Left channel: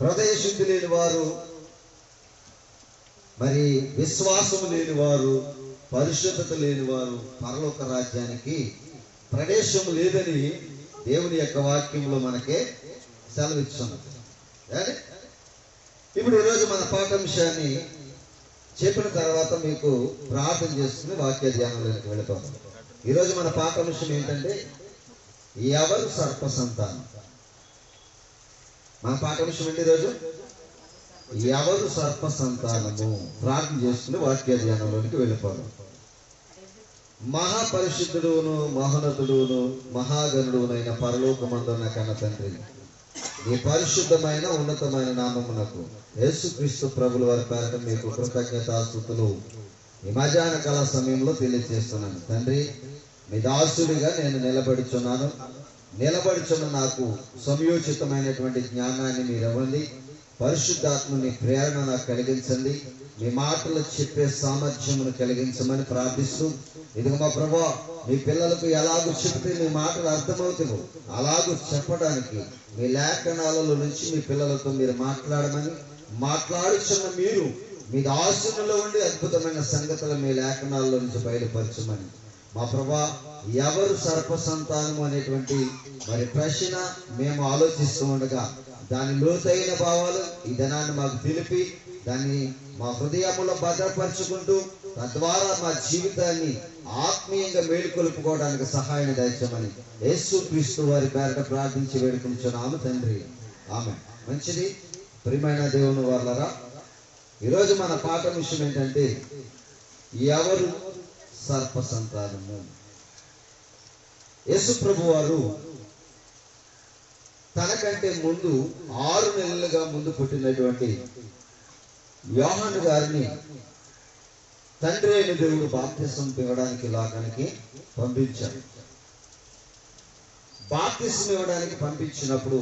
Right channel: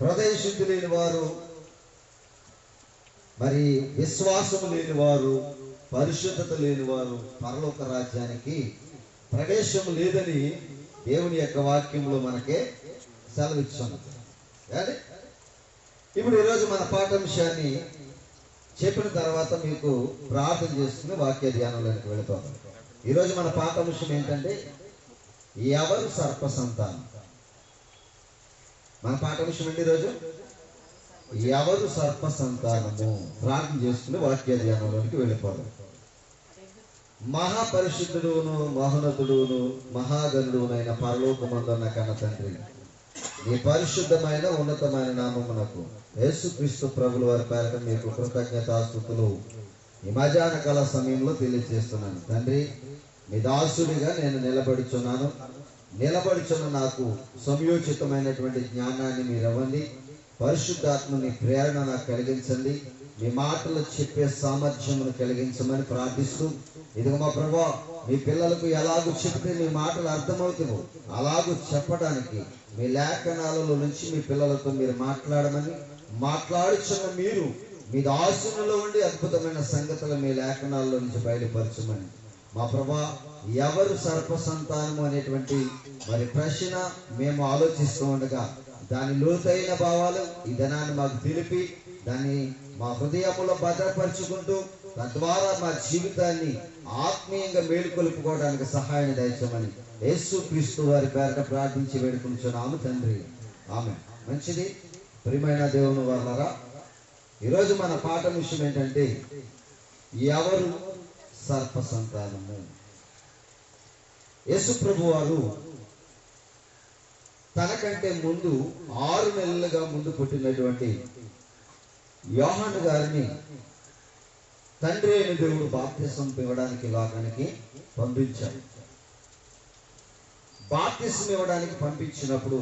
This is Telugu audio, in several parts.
హృదయ శుద్ధి లేని వారు, మరి విశ్వాసము లేని వారు, పరిశుద్ధత లేని వారు పరలోక రాజ్యానికి ప్రవేశం లేదని దేవుని యొక్క వాక్యంలో మనకే సెలవిచ్చాము. కానీ ఇప్పుడు ఈరోజు మన పాఠాంశాన్ని చెప్పిన తర్వాత మీకు ప్రార్థన చేసుకుని వాక్య ధ్యానంలోకి వెళతాం. ఈరోజు మన పాఠాంశం ఏంటంటే, ఎవరు సర్ప సంతానం. మన పాఠాంశం ఏంటి ఈరోజు? ఎవరు సర్ప సంతానము. ప్రార్థన చేసుకుని వాక్య ధ్యానంలోనికి వెళ్ళిపోదాం. మహాపరిశుద్ధుడును మహోన్నతుడును మహాగణుడునైన పరలోకమందున్న కన్న తండ్రి, ఈ పరిశుద్ధమైన ఉన్నతమైన నామమునకు యేసుక్రీస్తు ప్రభుల వారి పేరట మీకు కృతజ్ఞతాస్తుతులు ఈ మధ్యాహ్న కాల సమయంలో తెలియజేస్తున్నాను. తండ్రి, మీ దాసుడిగా నేను నిలబడుచున్న నాకు సమయోచితమైనటువంటి జ్ఞానాన్ని మీరు ఇవ్వండి. పరిశుద్ధాత్మని ప్రేరణ నాకు కలిగించండి. మీ మాటలు చెప్పే సామర్థ్యమును కలిగించమని ప్రార్థిస్తూ, ఇదిగో మా ప్రభువా, మీ పిల్లలకు ఎలాగో చెప్తే మీ మాటలు అర్థమవుతావు అలాగూ చెప్పడానికి మీ లేఖనాలలో నుంచి మీ పిల్లలతో మీరు మాట్లాడుచున్న మీరు మీ దాసునిలో ఉండి అద్భుతమైన సంగతులు మీ లేఖనాల్లో నుంచి బయలుపరచమని. మా ప్రభువా, ఎవరు సర్ప సంతానము అనేటువంటి మరి ప్రశ్న మేము ఆలోచిస్తూ ఉండగా దాని లోతైన భావాలు ఈ దినాన్ని మాకు తెలిపి దాన్ని మా హృదయంలో భద్రపరుచుకుంటూ తద్వారా మా జీవితాన్ని ఆత్మీయంగా మేలుకొల్పుకోవడానికి సహాయం దయచేయమని యేసుక్రీస్తు వారి పేరట ప్రార్థించి వేడుకుంటున్నాము తండ్రి, ఆమేన్. మంచిది. ప్రియమైన దేవుని వారలారా, ఈరోజు మన పాఠం విషయం ఏంటంటే, ఎవరు సర్ప సంతానము. యేసు ప్రభు వారు తనకంటే ముందు 6 నెలలుగా ముందు పుట్టినటువంటి యోహాను గారిని తండ్రి అయిన దేవుడు బాప్తిసం ఇవ్వడానికి లోకానికి పంపించాడు. బాప్తిసం ఇవ్వడానికి పంపించినప్పుడు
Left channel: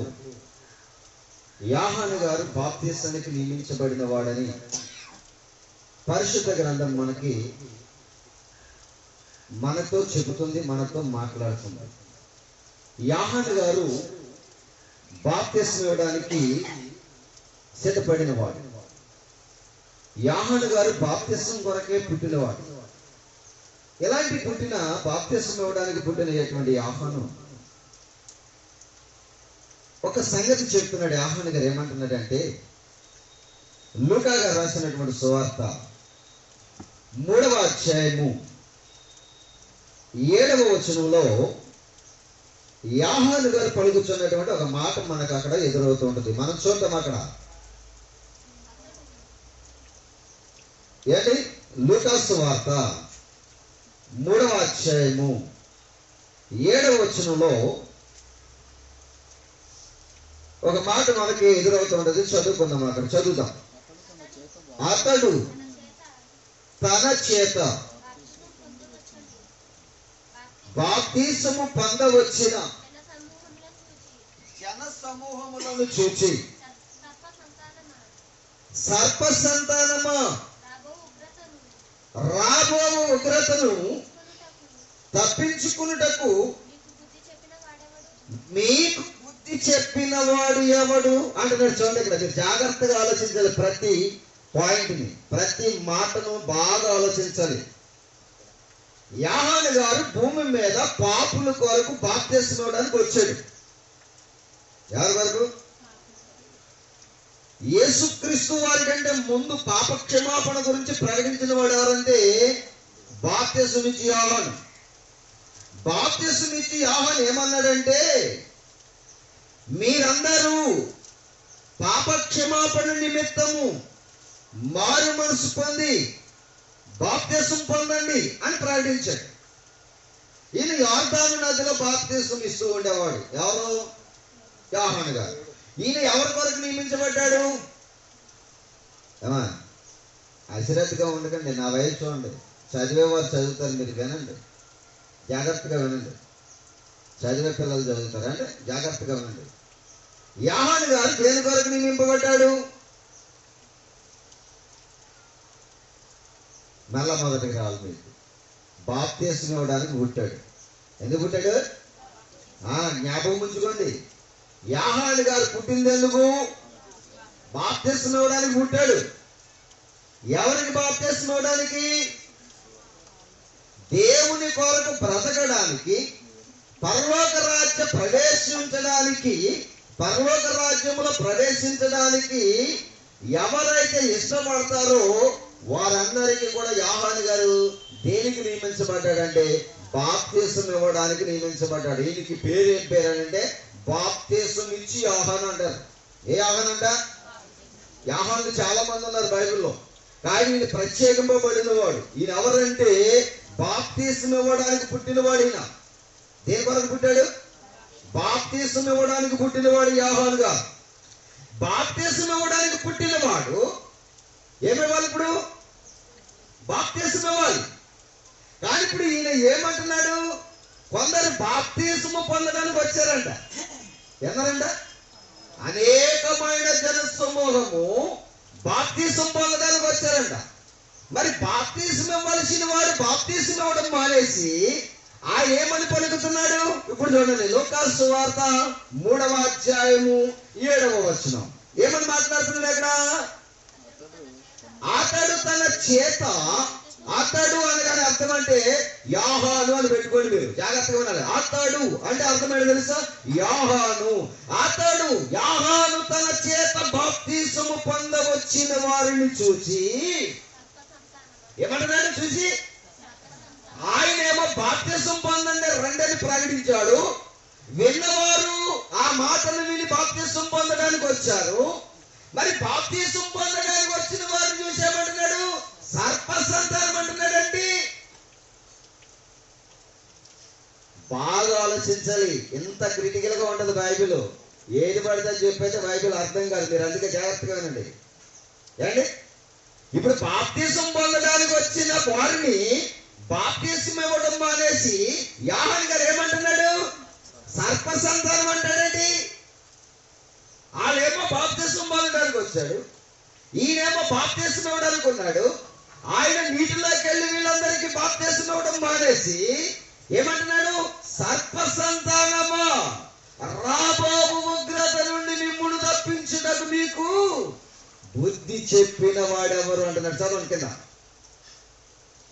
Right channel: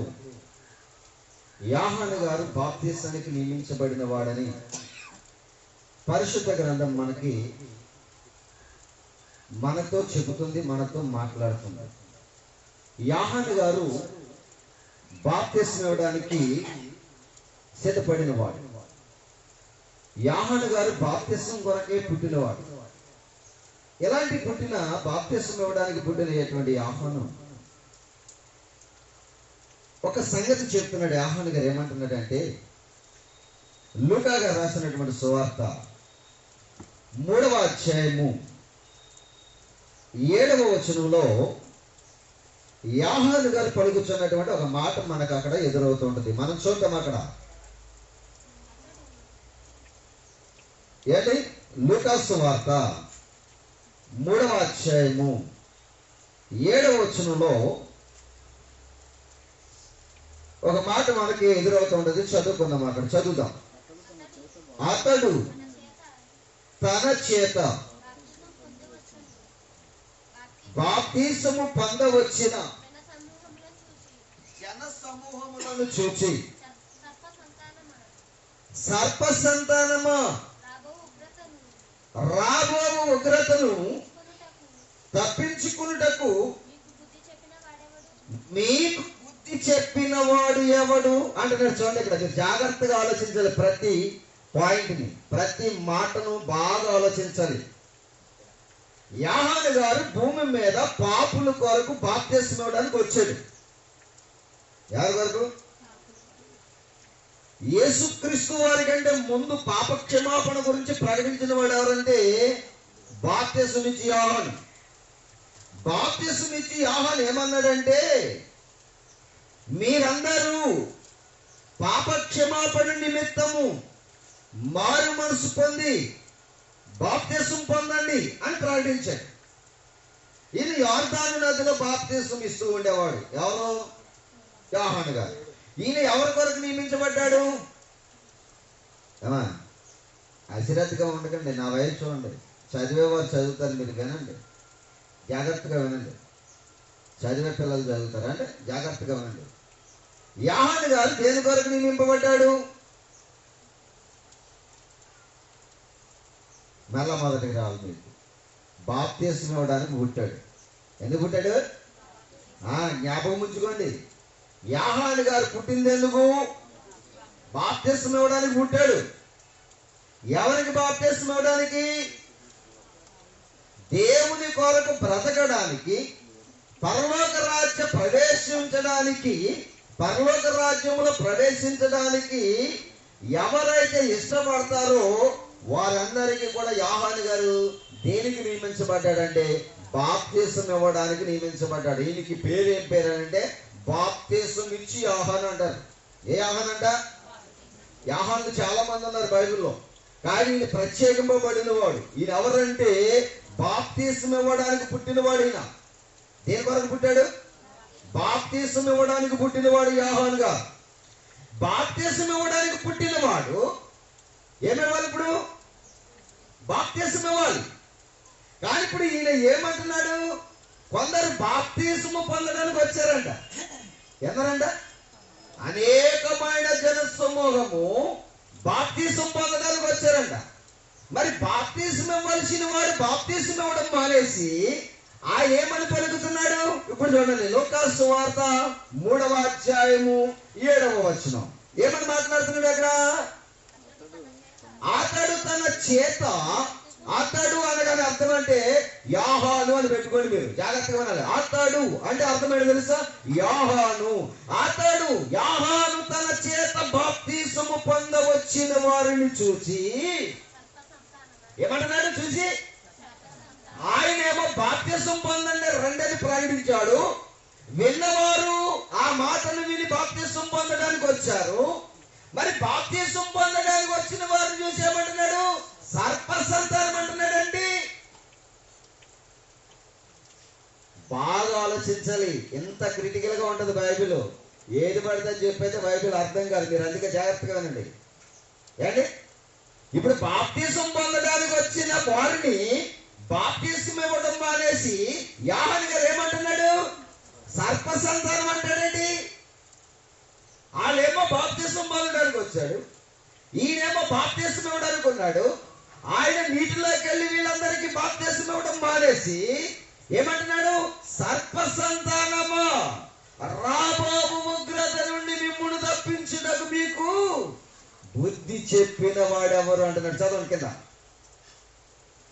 యోహాను గారు బాప్తిసానికి నియమించబడిన వాడని పరిశుద్ధ గ్రంథం మనతో చెబుతుంది, మనతో మాట్లాడుతుంది. యోహాను గారు బాప్తిసం ఇవ్వడానికి సిద్ధపడిన వాడు. యోహాను గారు బాప్తిసం కొరకే పుట్టినవాడు. ఎలాంటి పుట్టిన బాప్తిసం ఇవ్వడానికి పుట్టినటువంటి యోహాను ఒక సంగతి చెప్తున్నాడు. యోహాను గారు ఏమంటున్నాడంటే, లూకా గారు రాసినటువంటి సువార్త 3వ అధ్యాయము 7వ వచనంలో యోహాను గారు పలుకుతున్నటువంటి ఒక మాట మనకు అక్కడ ఎదురవుతూ ఉంటుంది. మనం చూద్దాం అక్కడ. ఏంటి? లూకా సువార్త 3వ అధ్యాయము 7వ వచనంలో ఒక మాట మనకి ఎదురవుతూ ఉంటుంది. చదువుకుందాం, అక్కడ చదువుదాం. అతడు తన చేత బాప్తిసము పొందవచ్చిన జన సమూహములను చూచి, సర్ప సంతానమా, రాబో ఉగ్రతను తప్పించుకున్నటకు మీకు బుద్ధి చెప్పిన వాడు ఎవడు అంటున్నాడు. చూడండి, ఇక్కడ మీరు జాగ్రత్తగా ఆలోచించాలి. ప్రతి పాయింట్ని, ప్రతి మాటను బాగా ఆలోచించాలి. యోహాను గారు భూమి మీద పాపుల కొరకు బాప్తిసం ఇవ్వడానికి వచ్చాడు. ఎవరి వరకు? యేసుక్రీస్తు వారి కంటే ముందు పాప క్షమాపణ గురించి ప్రకటించిన వాడు ఎవరంటే బాప్తిసం ఇచ్చి యోహాను. బాప్తిసం ఇచ్చి యోహాను ఏమన్నాడంటే, మీరందరూ పాప క్షమాపణ నిమిత్తము మారు మనసు పొంది బాప్తిసం పొందండి అని ప్రకటించాడు. ఈయన యోర్దాను నదిలో బాప్తిసం ఇస్తూ ఉండేవాడు. ఎవరు? యోహాను గారు. ఈయన ఎవరి కొరకు నియమించబడ్డాడు? అశ్రద్ధగా ఉండకండి, నా వయసు చూడండి. చదివేవారు చదువుతారు, మీరు వినండి, జాగ్రత్తగా వినండి. చదివే పిల్లలు చదువుతారు అంటే జాగ్రత్తగా వినండి. యోహాను గారు దేని కొరకు నియమింపబడ్డాడు? మళ్ళా మొదటికి రావాలి. మీకు బాప్తిసం ఇవ్వడానికి పుట్టాడు. ఎందుకు పుట్టాడు? జ్ఞాపకం ఉంచుకోండి. యోహాను గారు పుట్టింది ఎందుకు? బాప్తిస్మం ఇవ్వడానికి పుట్టాడు. ఎవరికి బాప్తిస్మం ఇవ్వడానికి? దేవుని కొరకు బ్రతకడానికి, పరలోక రాజ్య ప్రవేశించడానికి, పరలోక రాజ్యములో ప్రవేశించడానికి ఎవరైతే ఇష్టపడతారో వారందరికీ కూడా యోహాను గారు దేనికి నియమించబడ్డాడంటే బాప్తిసం ఇవ్వడానికి నియమించబడ్డాడు. ఈయనకి పేరు ఏం పేరు అంటే బాప్తిసం ఇచ్చి యోహాను అంటారు. ఏ యోహాను అంట? యోహాను చాలా మంది ఉన్నారు బైబిల్లో, కానీ ఈయన ప్రత్యేకింపబడిన వాడు. ఈయన ఎవరంటే బాప్తిసం ఇవ్వడానికి పుట్టినవాడు. ఈయన దేని కొరకు పుట్టాడు? బాప్తిసం ఇవ్వడానికి పుట్టినవాడు యోహానుగా. బాప్తిసం ఇవ్వడానికి పుట్టినవాడు ఏమివ్వాలి? ఇప్పుడు బాప్తిసం ఇవ్వాలి. కానీ ఇప్పుడు ఈయన ఏమంటున్నాడు? కొందరు బాప్తిసము పొందడానికి వచ్చారంట. ఎందరంట? అనేకమైన జన సమూహము బాప్తిసం పొందడానికి వచ్చారంట. మరి బాప్తిసం ఇవ్వాల్సిన వాడు బాప్తిసం ఇవ్వడం మానేసి ఆయన ఏమని పలుకుతున్నాడు? ఇప్పుడు చూడండి, లూకాసు సువార్త 3వ అధ్యాయము 7వ వచనం. ఏమని మాట్లాడుతున్నాడు అక్కడ? అతడు తన చేత, అతడు అనగానే అర్థం అంటే యోహాను అని పెట్టుకోండి, మీరు జాగ్రత్తగా ఉన్నారు. అతడు అంటే అర్థమైంది తెలుసా? యోహాను. అతడు యోహాను తన చేత బాప్తిసము పొందవచ్చిన వారిని చూసి ఏమంటున్నాడు? చూసి ఆయన ఏమో బాప్తిసం పొందండి రండని ప్రకటించాడు. విన్నవారు ఆ మాటలు విని బాప్తిసం పొందడానికి వచ్చారు. మరి బాప్తిసం పొందడానికి వచ్చిన వారిని చూసి ఏమంటున్నాడు? సర్ప సంతానం అంటున్నాడండి. బాగా ఆలోచించాలి. ఎంత క్రిటికల్ గా ఉంటది బైబిల్. ఏది పడితే చెప్పైతే బైబిల్ అర్థం కాదు. మీరు అందుకే జాగ్రత్తగా వినండి. ఏంటి? ఇప్పుడు బాప్తిసం పొందడానికి వచ్చిన వారిని బాప్తిసం ఇవ్వడం మానేసి యోహాను గారు ఏమంటున్నాడు? సర్ప సంతానం అంటాడండి. వాళ్ళేమో బాప్తిసం పొందడానికి వచ్చాడు, ఈయనేమో బాప్తిసం ఇవ్వడానికి ఉన్నాడు. ఆయన నీటిలోకి వెళ్ళి వీళ్ళందరికీ బాప్తిసం ఇవ్వడం మానేసి ఏమంటున్నాడు? సర్ప సంతానమా, రాబోవు ఉగ్రత నుండి మిమ్మును తప్పించుటకు మీకు బుద్ధి చెప్పిన వాడెవరు అంటున్నాడు. చదవండి, కింద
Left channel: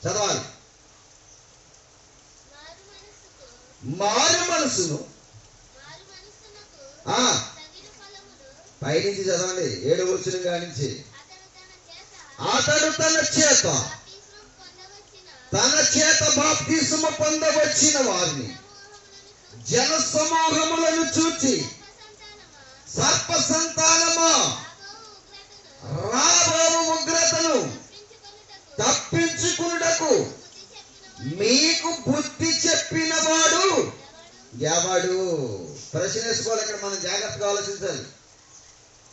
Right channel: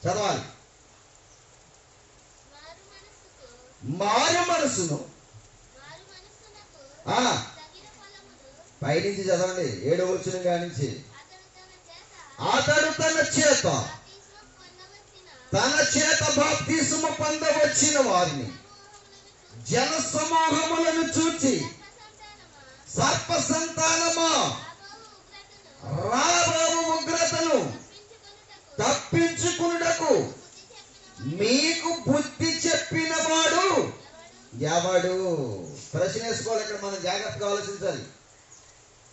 చదవాలి. మారు మనసును పైనుంచి చదవండి, 7వ వచనం కానించి. అతడు తన చేత బాప్తిసము పొందవచ్చిన వారిని జన సమూహములను చూచి సర్ప సంతానమా, రాబోవు ఉగ్రతను తప్పించుకున్నటకు మీకు బుద్ధి చెప్పిన వాడు ఎవడు? ప్రశ్న వేసుకోవాలి. ఇక్కడ మనం జాగ్రత్తగా ఆలోచించాలి.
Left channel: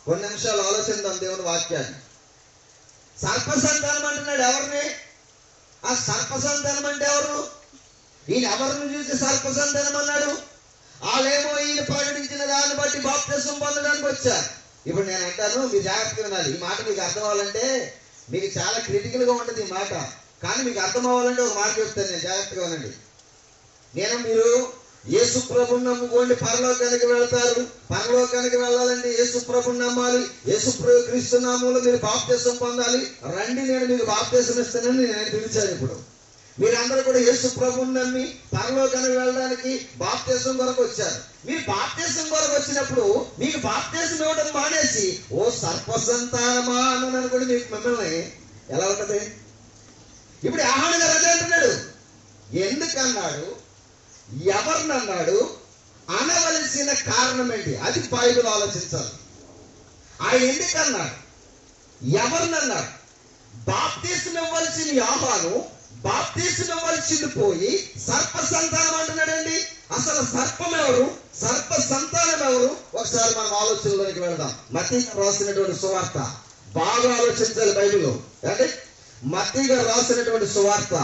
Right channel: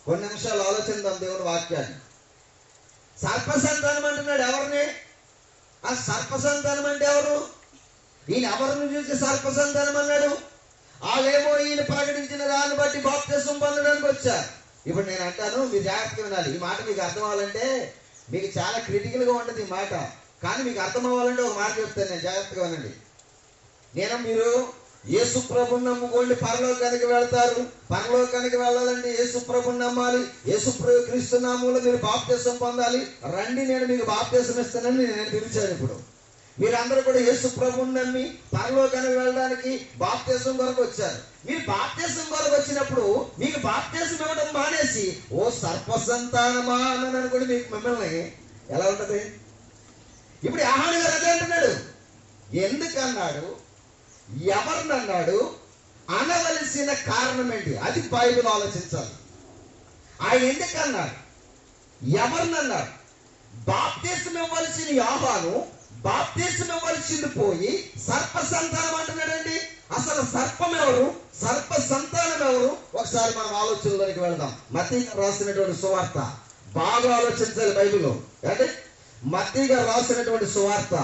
కొన్ని నిమిషాలు ఆలోచిద్దాం దేవుని వాక్యాన్ని. సర్ప సంతానం అంటున్నాడు ఎవరిని? ఆ సర్ప సంతానం అంటే ఎవరు? ఈయన ఎవరిని చూసి సర్ప సంతానం అన్నాడు? వాళ్ళేమో ఈయన ప్రకటించిన దాన్ని బట్టి బాప్తిసం పొందడానికి వచ్చారు. ఇప్పుడు నేను అంటాను, మీరు జాగ్రత్తగా వినాలి. ఈ మాట మీకు అర్థం అవ్వాలంటే మీకు చాలా క్రిటికల్ గా ఉంటుంది ఈ మాట. కానీ మీకు అర్థం అవ్వాలంటే ఒక మాట చెప్తాను, నేను జాగ్రత్తగా వినండి. మీరు యేసు ప్రభువుని నమ్ముకోండి, పరలోకానికి వెళ్తారు. పరలోకానికి వెళ్ళాలంటే యేసు ప్రభువుని నమ్మాలి. యేసు ప్రభు క్రీస్తు నామములో మీరు బాప్తిసం పొందాలి. రండి, నేను మీకు బాప్తిసం ఇస్తానని నేను పిలిచాను. ఇప్పుడు మీరందరూ కూడా యేసు ప్రభువుని నమ్మి పరలోకానికి వెళ్ళడానికి బాప్తిసం కొరకు వచ్చారు. మీరు బాప్తిసం కొరకు వచ్చినప్పుడు మీకు బాప్తిసం ఇవ్వడం మానేసి ఓ సర్ప సంతానమా అన్నాను అనుకోండి, మీకు మిమ్మల్ని ఎలా ఉంటది? ఇప్పుడు యోహాను గారు అదే అంటున్నాడు. ఎందుకన్నాడు? ఎవరినన్నాడు? అనవలసిన కారణం ఏంటి? అది బైబిల్ ఆలోచించాలి. ఆయన ఎందుకన్నాడు? ఎవరినన్నాడు? బాప్తిసం ఇవ్వాల్సిన యోహాను బాప్తిసం ఇవ్వాల్సింది పోయి సర్ప సంతానం అంటున్నాడండి. అసలు సర్పం ఎవరు? సర్ప సంతానం ఎవరు? ఒకసారి మనం ఆలోచనలోకి వెళ్దాం. మత్తయి రాసినటువంటి సువార్త బాగా ఆలోచించాలి బైబిల్లో. అంటే మత్తయి గారు రాసినటువంటి సువార్త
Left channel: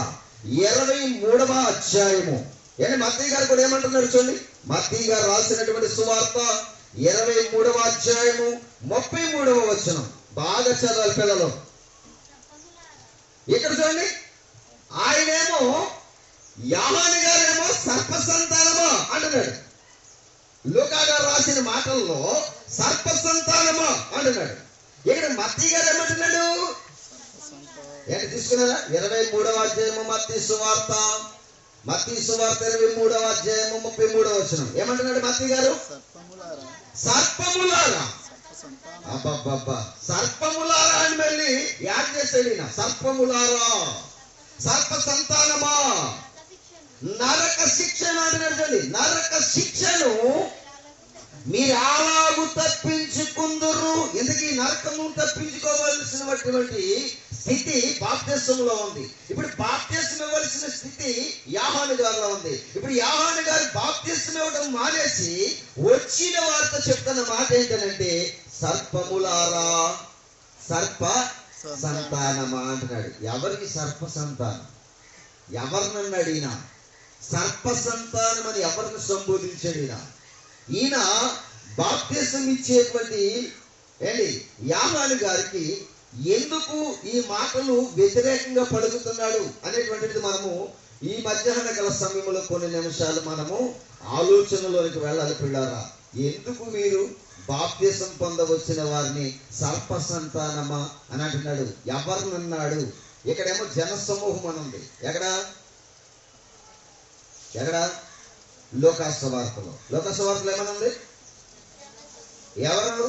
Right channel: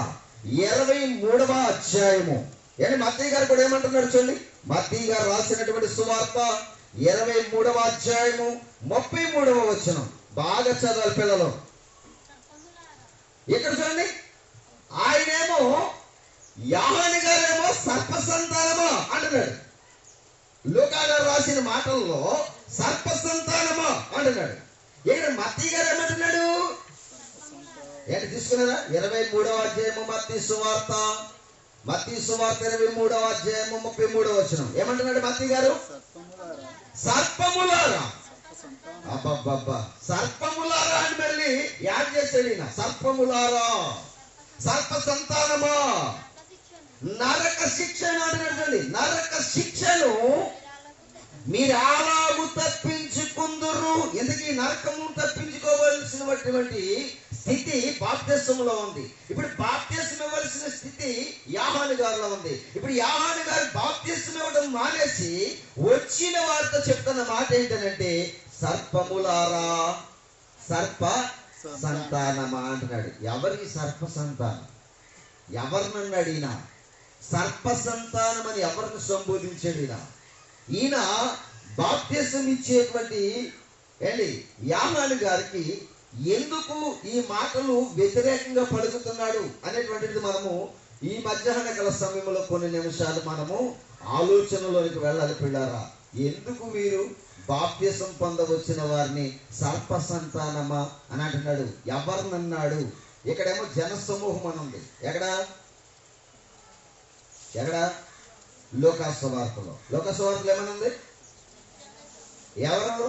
23వ అధ్యాయము. మత్తయి గారు కూడా ఏమంటున్నారు చూడండి. మత్తయి గారు రాసినటువంటి సువార్త 23వ అధ్యాయము 33వ వచనం. బాగా చదవాలి పిల్లలు. ఇక్కడ చూడండి, ఆయనేమో యోహాను గారేమో సర్ప సంతానమా అంటున్నాడు. లూకా గారు రాసిన మాటల్లో సర్ప సంతానమా అంటున్నాడు. ఇక్కడ మత్తయి గారు ఏమంటున్నాడు? ఏంటి తీసుకున్నారా? 23వ అధ్యాయము మత్తయి సువార్త 23వ అధ్యాయము 33వ వచనం ఏమంటున్నాడు మత్తయి గారు? సర్పములారా. అబ్బబ్బబ్బా, సర్పములారా అని మళ్ళీ యాడ్ చేశాడు ఈయన. సర్పములారా, సర్ప సంతానమా, నరక శిక్షను అంటున్నాడు. నరక శిక్షను మీరు అలాగూ తప్పించుకుందురు. ఎందుకు ఈ నరకము తప్పించుకోవలసినటువంటి స్థితి బాప్తిస్మంలో ఉంది. ఇప్పుడు బాప్తిస్మం ఇవ్వవలసిన స్థితి యోహాను గారిలో ఉంది. ఇప్పుడు యోహాను గారు బాప్తిస్మం ఇవ్వడం మానేసి వచ్చిన వారితో చెప్తున్న మాట ఏంటంటే, సర్పములారా, సర్ప సంతానమా అంటున్నాడు. ఎవరికి సర్ప సంతానం? ఎవరినన్నాడు ఈయన? సర్ప సంతానం అని ఎవరిని సంబోధించాడు ఈయన? ఈయన బాప్తిసం ఇచ్చేటువంటి యోహాను గారికి ఎందుకు ఈ మాటలు వ్యతిరేకంగా పలుకుతున్నాడు అనేటువంటిది మనము ఈ మధ్యాహ్న కాల సమయంలో కొన్ని నిమిషాలు మనము ఆలోచనలోనికి వెళ్ళాలి పిల్లారా. ఎందుకు మీరు బాప్తిసం పొందవచ్చిన వారిని సర్ప సంతానమా అని అంటున్నాడు? ఎవరినన్నాడు? ఇక్కడేమో జన సమూహం అని ఉంది. ఎక్కడ? లోకాసువార్తలో. లోకాసువార్తలో ఏమని ఉంది? ఎవరు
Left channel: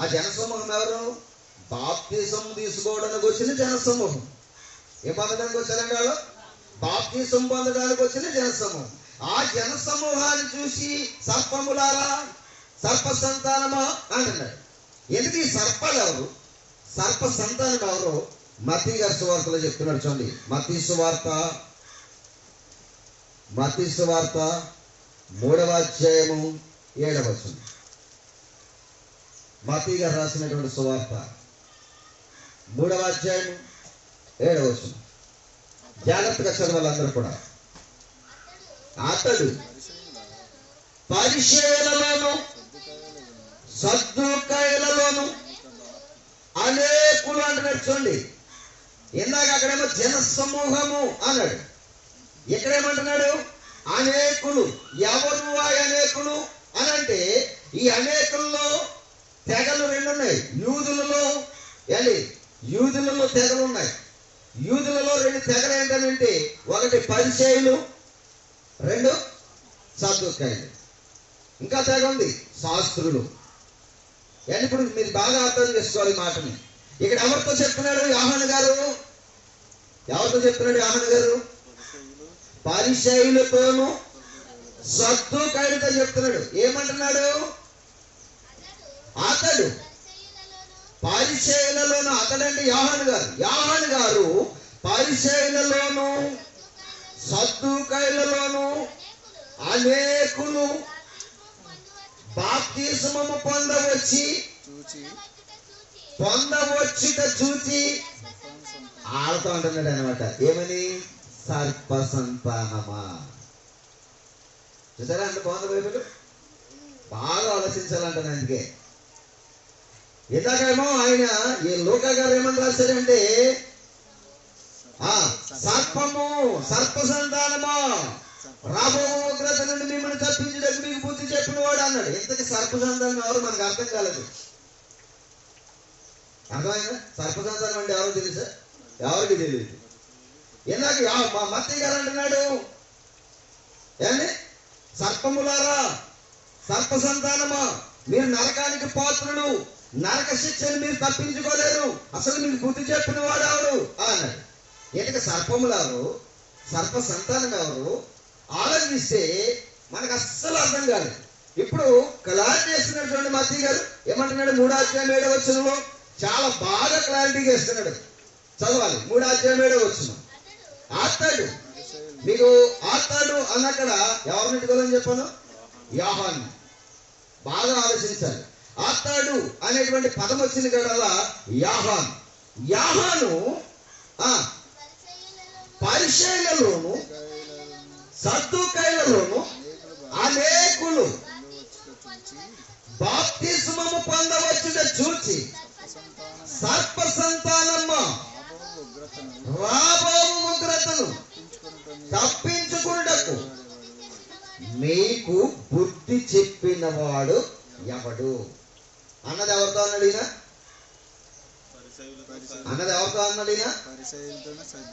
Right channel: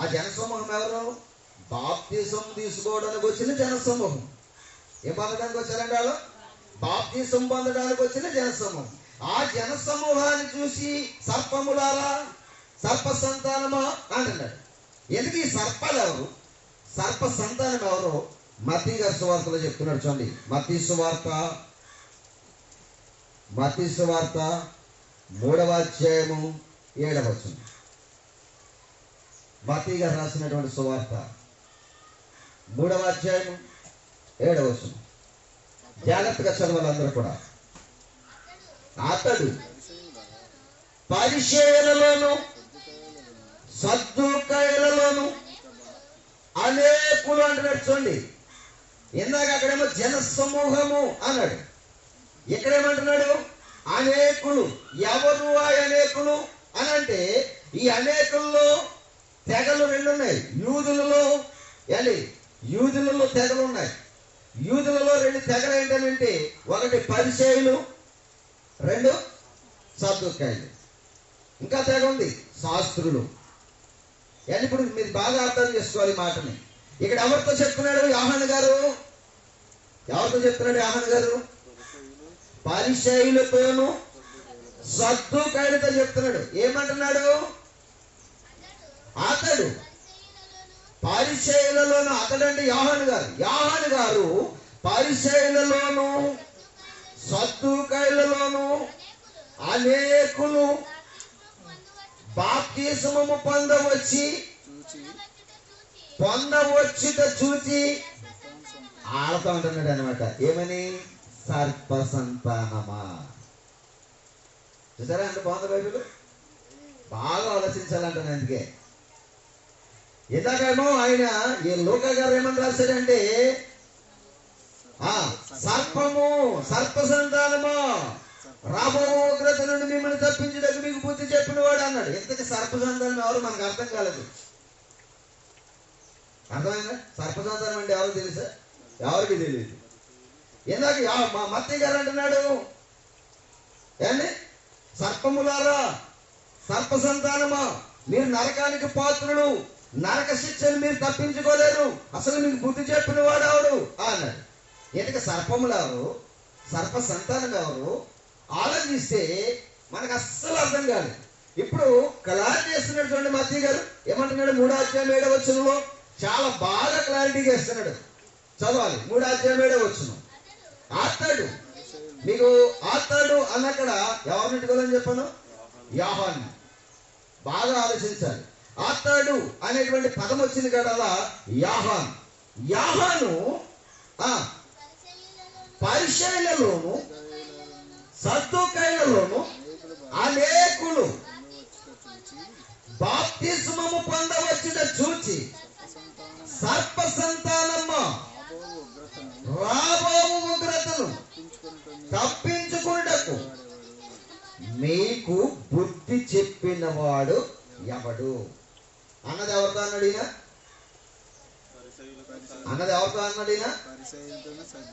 ఆ జన సమూహం? ఎవరు? బాప్తిసం తీసుకోవడానికి వచ్చిన జన సమూహం. ఏం పొందడానికి వచ్చారండి వాళ్ళు? బాప్తిసం పొందడానికి వచ్చిన జన సమూహం. ఆ జన సమూహాన్ని చూసి సర్పములారా, సర్ప సంతానమా అంటున్నాడు. ఎందుకు ఈ సర్పాలు ఎవరు? సర్ప సంతానం ఎవరు? మత్తయి గారి సువార్తలో చెప్తున్నాడు. చూడండి, మత్తయి సువార్త 3వ అధ్యాయము 7వ వచనం. మత్తయి గారు రాసినటువంటి సువార్త 3వ అధ్యాయము 7వ వచనం. జాగ్రత్తగా చదవాలి అందరూ కూడా. అతడు పరిసయ్యులలోను సద్దూకయ్యులలోను అనేకులు అంటున్నాడు. చూడండి, ఇందాక అక్కడేమో జన సమూహము అన్నాడు, ఇక్కడేమంటున్నాడు? అనేకులు. ఎవరు ఆ అనేకులు అని అంటే, ఈ అనేకుల్లో తెగలు 2 ఉన్నాయి. యూదులలో తెగలు ఉన్నాయి. యూదులలో 2 తెగలు ఏంటంటే, ఒకటి పరిసయ్యులు, 2 సద్దూకయ్యులు. ఇంకా తెగ ఉంది శాస్త్రులు. ఇప్పుడు మీరు బాగా అర్థం చేసుకోవాలి మాటని. ఇక్కడ ఎవరితో చెప్తున్నాడు యోహాను గారు? ఎవరితో చెప్తున్నాడు యోహాను గారు? పరిసయ్యులతోను సద్దూకయ్యులతో చెప్తున్నాడు. ఏమంటున్నాడు? అతడు పరిసయ్యులలోను. అతడంటే యోహాను గారు పరిసయ్యులలోను సద్దూకయ్యులలోను అనేకులు బాప్తిస్మము పొందవచ్చుట చూచి ఆడతా అంటున్నాడు అనమాట. ఏమని? సర్ప సంతానమా. చూసారా అంటే బాగుంది బైబిల్. బాగా ఆలోచించాలంటాను. అందుకే ఇందాకేమో ఆయన ఈ లోకా గారు ఏమని రాశాడంటే, సర్పము, సర్ప సంతానమా, రాబో ఉగ్రత నుండి మిమ్మల్ని తప్పించడానికి మీకు బుద్ధి చెప్పిన వాడు అన్నాడు. ఇంతకీ సర్ప సంతానం ఎవరు? మనకు అర్థం కాలేదు. అర్థమైందా? సర్ప సంతానం అంటే ఎవరు తెలుసా? ఎవరికి తెలియదు. ఇందాక మా మత్తయి గారు అంటున్నాడు, సర్పములారా, సర్ప సంతానమా, మీరు నరకానికి పాత్రులు, నరక శిక్షను మీరు తప్పించుకోలేరు, అసలు మీకు బుద్ధి చెప్పిన వాడు ఎవరు అన్నాడు. ఎందుకు సర్పములారు, సర్ప సంతానం ఎవరు ఆలోచిస్తే మనకు అస్సలు అర్థం కాదు. ఇప్పుడు క్లారిటీ చేస్తున్నటువంటి మత్తయి గారు ఏమంటున్నాడు? 3వ అధ్యాయం 7వ వచనంలో చాలా బాగా క్లారిటీగా ఇస్తున్నాడు. చదవాలి. 3వ అధ్యాయం 7వ వచనం. అతడు, మీకు అతడు అన్నక్కడ ఎవరిని పెట్టుకోవాలని చెప్పాను? యోహాను. బాగా ఆలోచించాలి. అతడు అనేటువంటి పదం వచ్చింది కదా, యోహాను పరిసయ్యులలోను సద్దూకయ్యులలోను అనేకులు బాప్తిస్మము పొందవచ్చుట చూచి సర్ప సంతానమ్మ రాబో ఉగ్రతను తప్పించుకున్నటకు మీకు బుద్ధి చెప్పిన వాడు ఎవడు అన్నది ఎవరితో అన్నాడు ఈయన? అన్నది ఎవరితో అన్నది?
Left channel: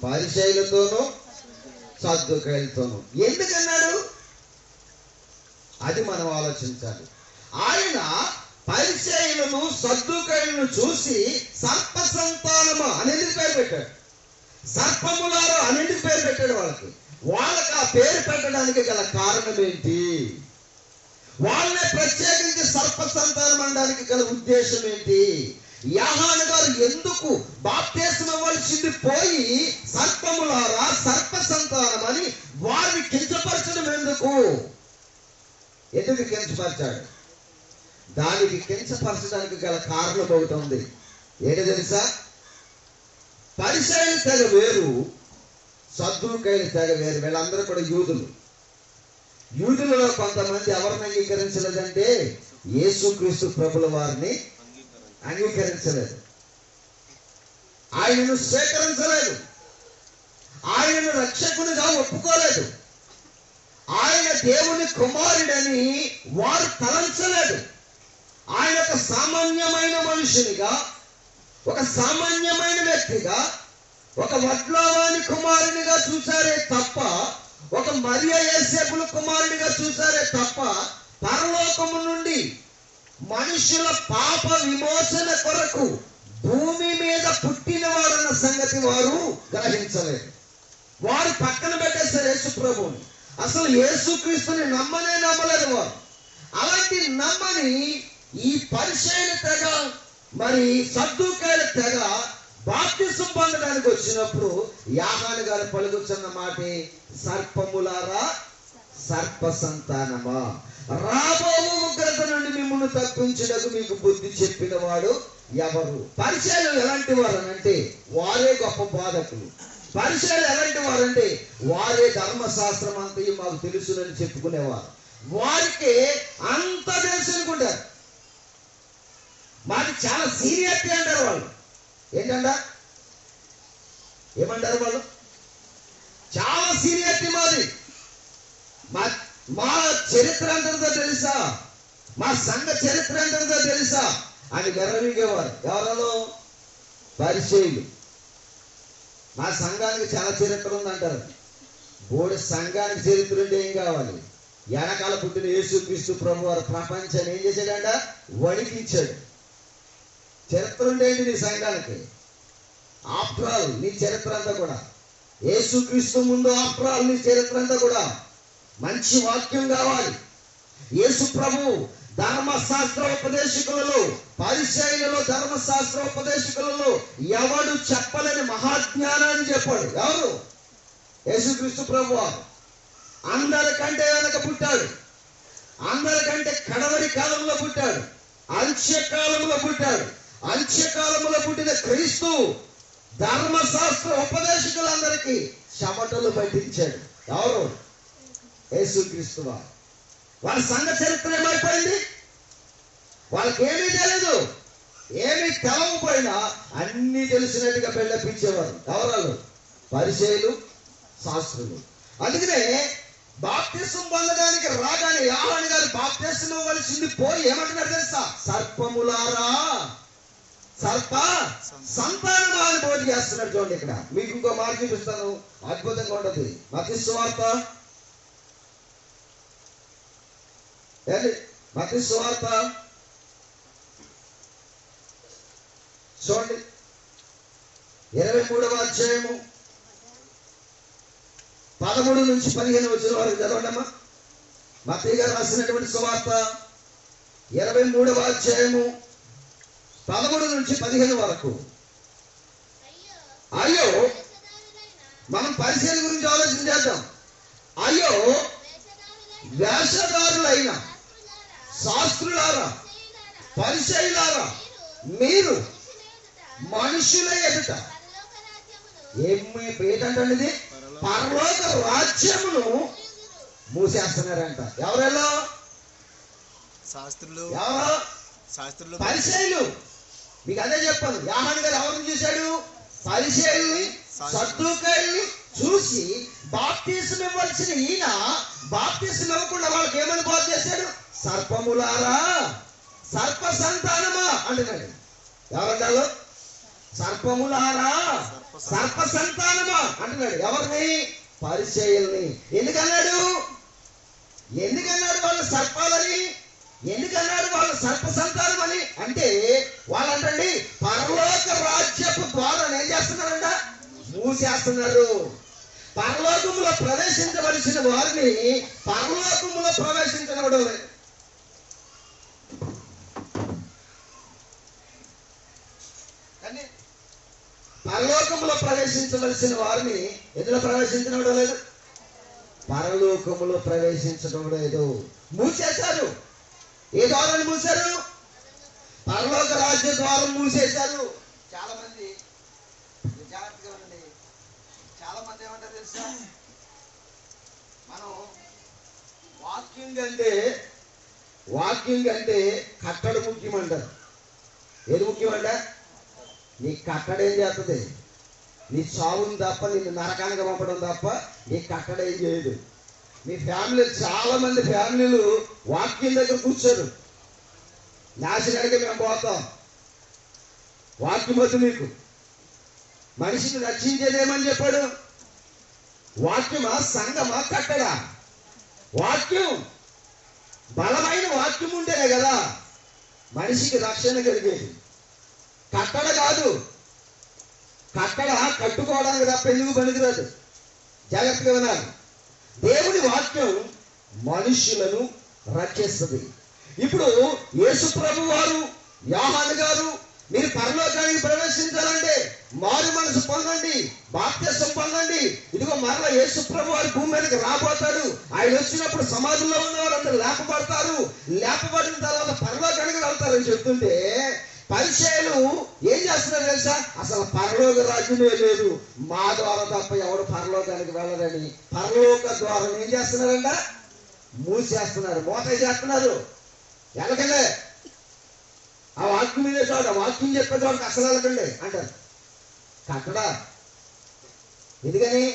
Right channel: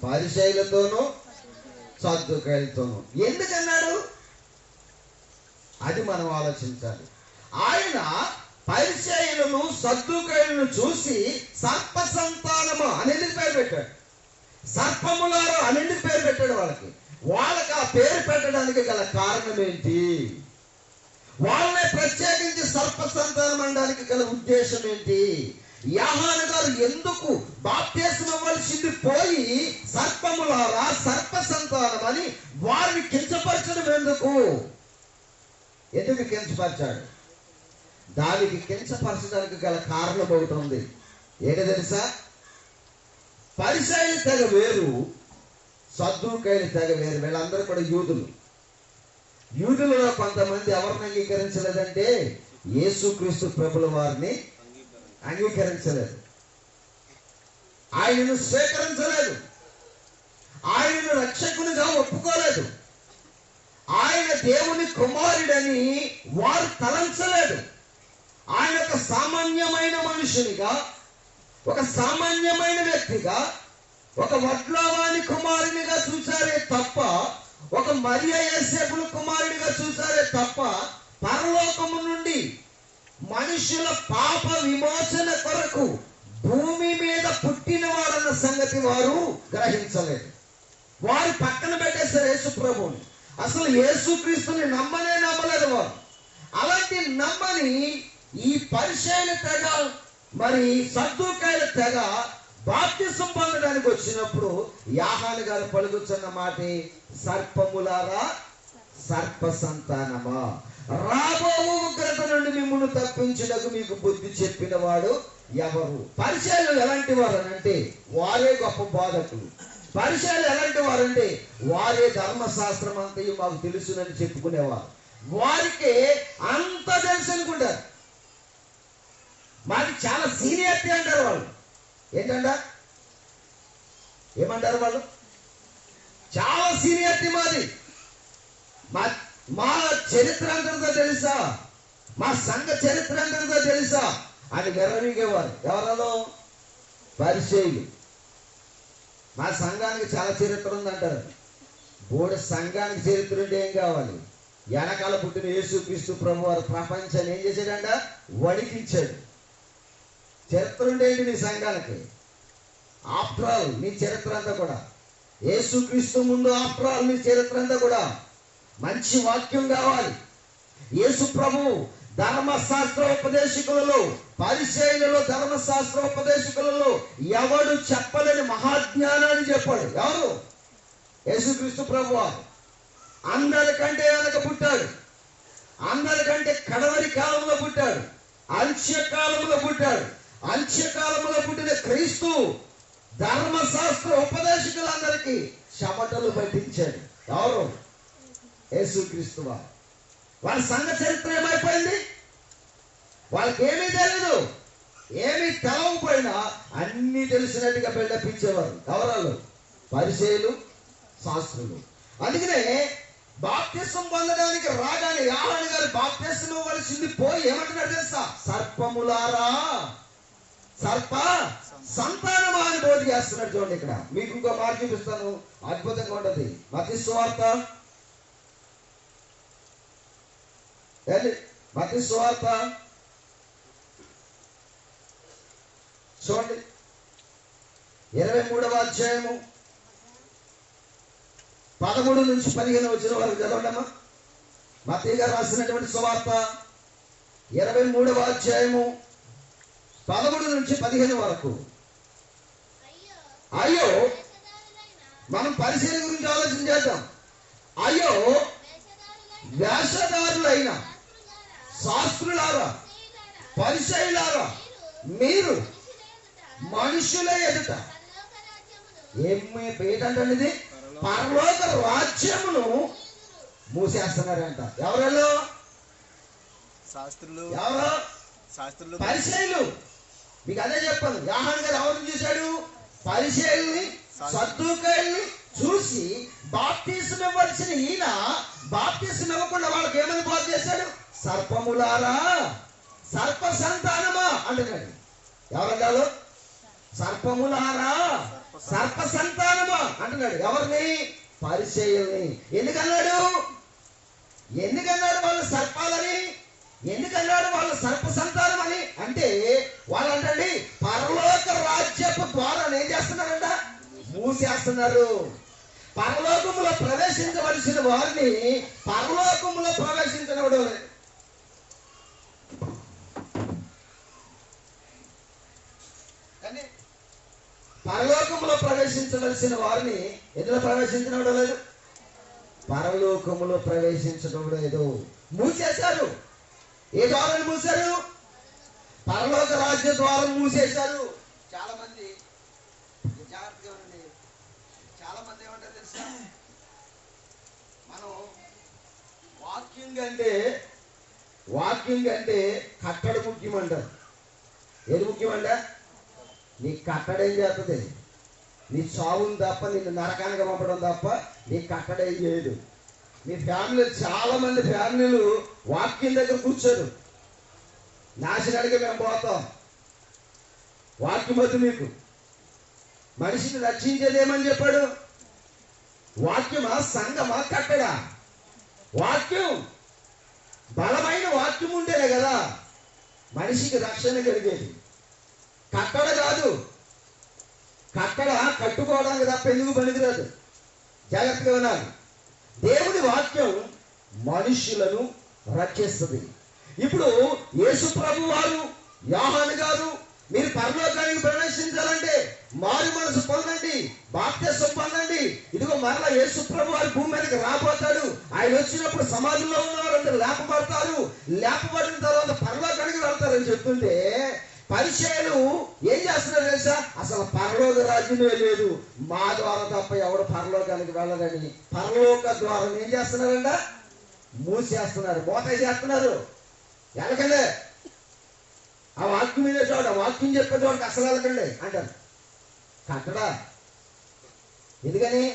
పరిసయ్యులతోనూ సద్దూకయ్యులతోనూ. ఎందుకన్నాడు? అది మనం ఆలోచించాలి. ఆయన పరిసయ్యులను సద్దూకయ్యులను చూసి సర్ప సంతానమా అని ఎందుకు పేరు పెట్టాడు? సర్పములారా అని ఎందుకు పేరు పెట్టాడు? వాళ్ళకి ఆ పేరు పెట్టడానికి గల కారణం ఏంటి? వాళ్ళని ప్రత్యేకించి సర్ప సంతానం అనడానికి గల ఉద్దేశం ఏంటి? యోహాను గారు ఎందుకు బాప్తిస్మం ఇవ్వాల్సింది పోయి సర్పములారా సర్ప సంతానం అని వారిని కించపరచడం ఎందుకు కించపరిచాడు? దానికి కించపరచడానికి గల కారణం ఒకటి ఉంది. ఏంటో తెలుసా? పరిసయ్యుల తెగ వేరు, సద్దూకయ్యుల తెగ వేరు. వీళ్ళందరూ కూడా యూదులలో కొంతమంది ఎవరిని అంగీకరించలేదంటే యేసుక్రీస్తు ప్రభుల వారిని అంగీకరించలేదు, ఆయనను స్వీకరించలేదు, ఆయనను రక్షకునిగా ఒప్పుకోలేదు, ఆయన దేవుని కుమారుడని వారు తలంచలేదు. ఆయన ఒక సామాన్యమైన మనుషునిగా, ఒక సామాన్యమైన వ్యక్తిగా, ఒక వడ్లవాని కుమారునిగా చూశారే తప్ప, ఒక మరియా యోసేపుల కుమారునిగా చూశారే తప్ప, పరలోకము నుండి మనుషుల పాప విమోచన కొరకు భూమి మీద పుట్టిన వారన్న సంగతి వారు గ్రహించలేదు. వారు పక్కన పెట్టేశారు యేసు ప్రభువుని. అసలు యేసుక్రీస్తుని నమ్మలేదు వారు. అలాంటి నమ్మని ఈ పరిసయ్యుల తెగ, మరి సద్దూకయ్యుల తెగ బాప్తిసం పొందడానికి వచ్చినప్పుడు యోహాను గారు పలుకుతున్న మాట, సర్పములారా సర్ప సంతానమా, రాబో ఉగ్రత నుండి మిమ్మల్ని తప్పించుటకు మీకు బుద్ధి చెప్పిన వాడు ఎవరు? పరిసయ్యులు ఎలాంటి వారు అంటే వారే గొప్ప బోధకులు. పరిసయ్యులు ఎలాంటి వారంటే వారే ధర్మశాస్త్రం అంతయు మాకు తెలుసునని చెప్పుకునేవారు. వారికి అంత తెలుసు అనుకుంటారు. మాది చాలా సీనియారిటీ అంటారు వాళ్ళు. ఏంటంట? ఏమంటారు వాళ్ళు? చాలా సీనియారిటీ మాది, మా చరిత్ర అంతటితో తెలుసా, మా సంఘ చరిత్ర అంతటితో తెలుసా అని గర్వనిగేవారు. ఎవరలో? పరిసయ్యులు. మా సంఘానికి చాలా చరిత్ర ఉందంటారు. బోడి సంఘానికి చరిత్ర ఉంటే ఏం కావాలి? వెనకాల పుట్టిన యేసుక్రీస్తు ప్రభు వారు ప్రపంచాన్ని ఏం చేశాడంట? వణికించాడు. చరిత్ర ఉండేది నీ సంఘానికి. ఆఫ్టర్ ఆల్ నీ చరిత్ర అంతా కూడా యేసుక్రీస్తు ముందు, ఆఫ్టర్ ఆల్ నీ చరిత్ర అంతా కూడా మంచి వాక్యం కావాలి. యేసు ప్రభు ధర్మశాస్త్ర ఉపదేశకులలో, పరిసయ్యులలో, ధర్మశాస్త్ర ఉపదేశకులలో ఎవడు చెప్పలేని మహాజ్ఞానాన్ని చెప్పాడు. ఎవరు? యేసుక్రీస్తు ప్రభు వారు. అందరికంటే వెనక పుట్టాడు, అందరికంటే కడవరి కాలంలో పుట్టాడు, అంత్యకాలంలో పుట్టాడు. అంత్యకాలంలో పుట్టిన క్రీస్తు ధర్మశాస్త్ర ఉపదేశకులందరికీ చెమటలు పట్టించాడు. ఎవరు? యేసుక్రీస్తు వారు. వాళ్ళ సంఘ చరిత్ర ఏమైపోయింది? వాళ్ళకి ఏమీ తెలియదు, ఏమీ తెలవకపోయినా అన్ని తెలిసినట్టుగా పెళ్ళపించేవారు. ఎవరు? పరిసయ్యులు, శాస్త్రులు. అందుకనే బాప్తిసం పొందడానికి రాగానే యోహాను గారు బాప్తిసం ఇవ్వాల్సింది పోయి ఏమంటున్నారు తెలుసా? సర్పములారా సర్ప సంతానమా అని బోధ చేస్తున్నాడు. చూడండి, ఇక్కడ మీకు ఇంకో మాట చూపిస్తాను, అద్భుతంగా ఉండదు. మత్తయి సువార్త, మత్తయి సువార్త చూడండి, 23వ అధ్యాయము 13 నుంచి 15 వచ్చిన వరకు చదవండమ్మా. మత్తయి గారు రాసినటువంటి సువార్త 23వ అధ్యాయము 13 నుంచి 15 వరకు. అయ్యో, మనం పరిసయ్యుల గురించి ఆలోచన చేద్దాం. అయ్యో వేషధారులైన శాస్త్రులారా, పరిసయ్యులారా, మీరు మనుషుల ఎదుట ఏంటంటే పరలోక రాజ్యమును మూసేస్తున్నారంట. ఎవరెల్లో? శాస్త్రులు. ఎవరో? శాస్త్రులు, పరిసయ్యులు. మీకు అదే చెప్పాను. యోహాను గారు ఎవరిని చూశాడు? పరిసయ్యుల్ని, సద్దూకయ్యుల్ని చూసి బాప్తిసం ఇవ్వాల్సిన ఈయన బాప్తిసం ఇవ్వకుండా వాళ్ళకి ఏమని బోధ చేశాడు? సర్పములారా సర్ప సంతానమా అంటున్నాడు. ఎవరన్నారు? సర్పములారా, సర్ప సంతానమా అంటున్నాడు. ఎవరిని? పరిసయ్యుల్ని. ఎందుకన్నాడు వాళ్ళు సర్పాలని? ఎందుకన్నాడు వాళ్ళు సర్ప సంతానం అని? అంటే వాళ్ళంటండి పరలోక రాజ్యపు ద్వారాన్ని ఏం చేస్తున్నారంట? మూసేస్తున్నారు. పరలోకములో ప్రవేశించవలసిన వారిని పరలోకములో ప్రవేశించడం లేదు. పరలోకములో ప్రవేశించవలసిన వారిని ఎందులో ప్రవేశించడం లేదు? పరలోకములో ప్రవేశించడం లేదు. మూసేశారు. ఏ ద్వారాన్ని మూసారు? పరలోక రాజ్య ద్వారం మూసేశారు. చాలా మంది జాగ్రత్తగా ఉండండి. చాలా మంది ఏమంటారు తెలుసా? మనం వాకింగ్ అంటే కట్టడ ముఖ్యమంటారు. ఏది ముఖ్యమంట? నీ కట్టడ ఏం చేస్తుంది? నీ చావుని తప్ప, నిన్ను నరకానికి పంపడం తప్ప నీ కట్టడ ఏం చేయదు. మీ ఫ్యామిలీ, చాలా మంది ఫ్యామిలీలు వాక్యం దగ్గర కూర్చోరు. నాశనానికి మేము పోతాం. వాక్యం వద్దు మీకు. మనిషిని రక్షించేదేమని చెప్పాడు? వాక్యమా, సంఘమా, కట్టడా? వాక్యం. బలమైన వాక్యం ఉంటేనే కదా మనిషికి రక్షణ కలిగేది. కట్టడ కాదు. కట్టడ కట్టుకోవడానికి తప్ప ఎందుకు పనికిరాదు. జాగ్రత్తగా వినాలి. దేవుని వాక్యం మనుషులను రక్షిస్తుంది. ఇప్పుడు యేసు ప్రభు వారు, యోహాను గారు, మీరు పరలోకానికి ప్రవేశించాలంటే మారు మనసు పొందండి, బాప్తిసం పొందండి. ఇదిగో మరలా యేసు ప్రభు వారు భూమి మీదకి రాబోతాడు. ఆయన వచ్చినప్పుడు సమాజంలో ఉన్న వారందరూ లేపబడతారు. లేపబడిన తర్వాత పరలోకానికి వెళ్తారని చెప్తుంటే పరిచయాలు ఏం చేస్తున్నారు తెలుసా? అసలు పరలోక రాజ్యమే లేదు, మా ద్వారా తప్ప ఎవరు పరలోకానికి వెళ్ళరని పరలోక ద్వారం ఏం చేస్తున్నారంట? మూసేస్తున్నారు, మోత చేస్తున్నారు. వెళ్ళకండి, ఆ వాక్యం వినే చోట, వాక్యం చెప్పే చోట అసలు వెళ్ళకండి అంటారు. కట్టడా? ఎందుకని?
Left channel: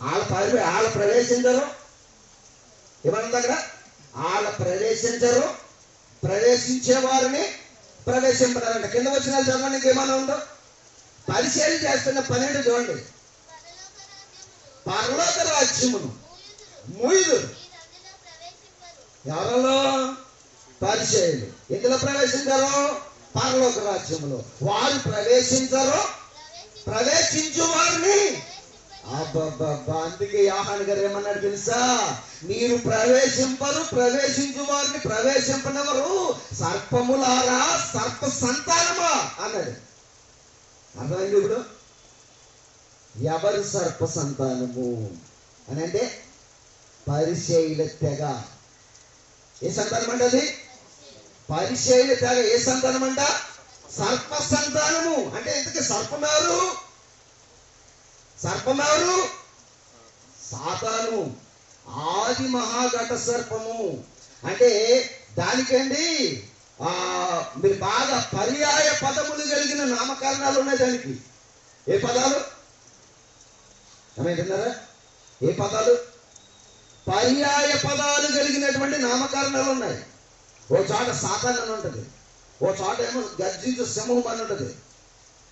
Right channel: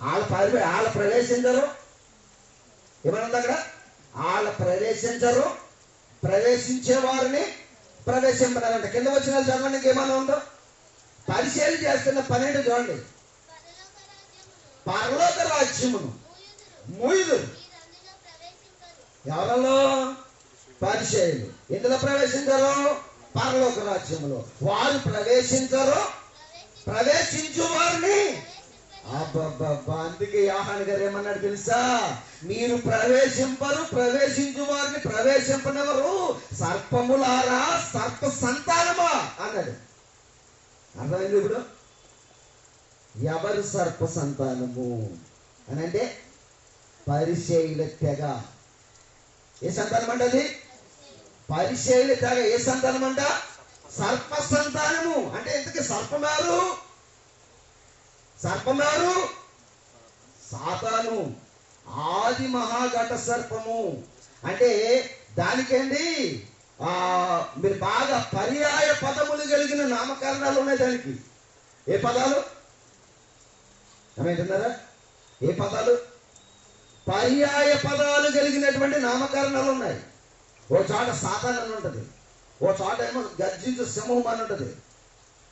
వాళ్ళ ప్రవేశించరు. ఏమన్నా అక్కడ? వాళ్ళ ప్రవేశించరు, ప్రవేశించే వారిని ప్రవేశింపడాలంట. కింద వచ్చిన చదవండి, ఇంకేమన్నా ఉందో? పరిశీలన చేస్తున్న 12 చూడండి. పరలోక రాజ్యమును మూయుదురు. ఎవరలో? పరిచయులు. ఎందులో ప్రవేశించారు? పరలోక రాజ్యములో. వారు ప్రవేశించరు, ప్రవేశించు వారిని. అబ్బబ్బబ్బా, అందుకే యోహాను గారు ఏమన్నాడు తెలుసా? మీరు ప్రవేశింపరు, ప్రవేశించు వారిని ప్రవేశింపనవరు సర్పములారా, సర్ప సంతానమా అన్నాడు. అర్థమైంది ఇప్పుడు? ఎవరు సర్ప సంతానము అని అంటే పరిచయుల తెగ. ఏ సంతానం అంట అది? పరిచయుల తెగ. ఏ సంతానం అంట? సర్ప సంతానము. అంటే ఇంతకీ సర్పమారు? సర్పమారు సాతాను, ఆది మహాఘట సర్పము. అంటే దానికండి మీరు బాగా పర్యాయ పదములు కలిగిన నామకరణాలు ఉన్నాయి దానికి. ఏ పదాలు ఏమంటున్నారా? ఏ పదాలు? పర్యాయ పదాలు కలిగినటువంటి నామకరణాలు ఉన్నాయి. ఓ చోట సాతాన్ అని ఉంటుంది, ఓ చోట ఏమో గర్జించు సింహం అని ఉంటుంది,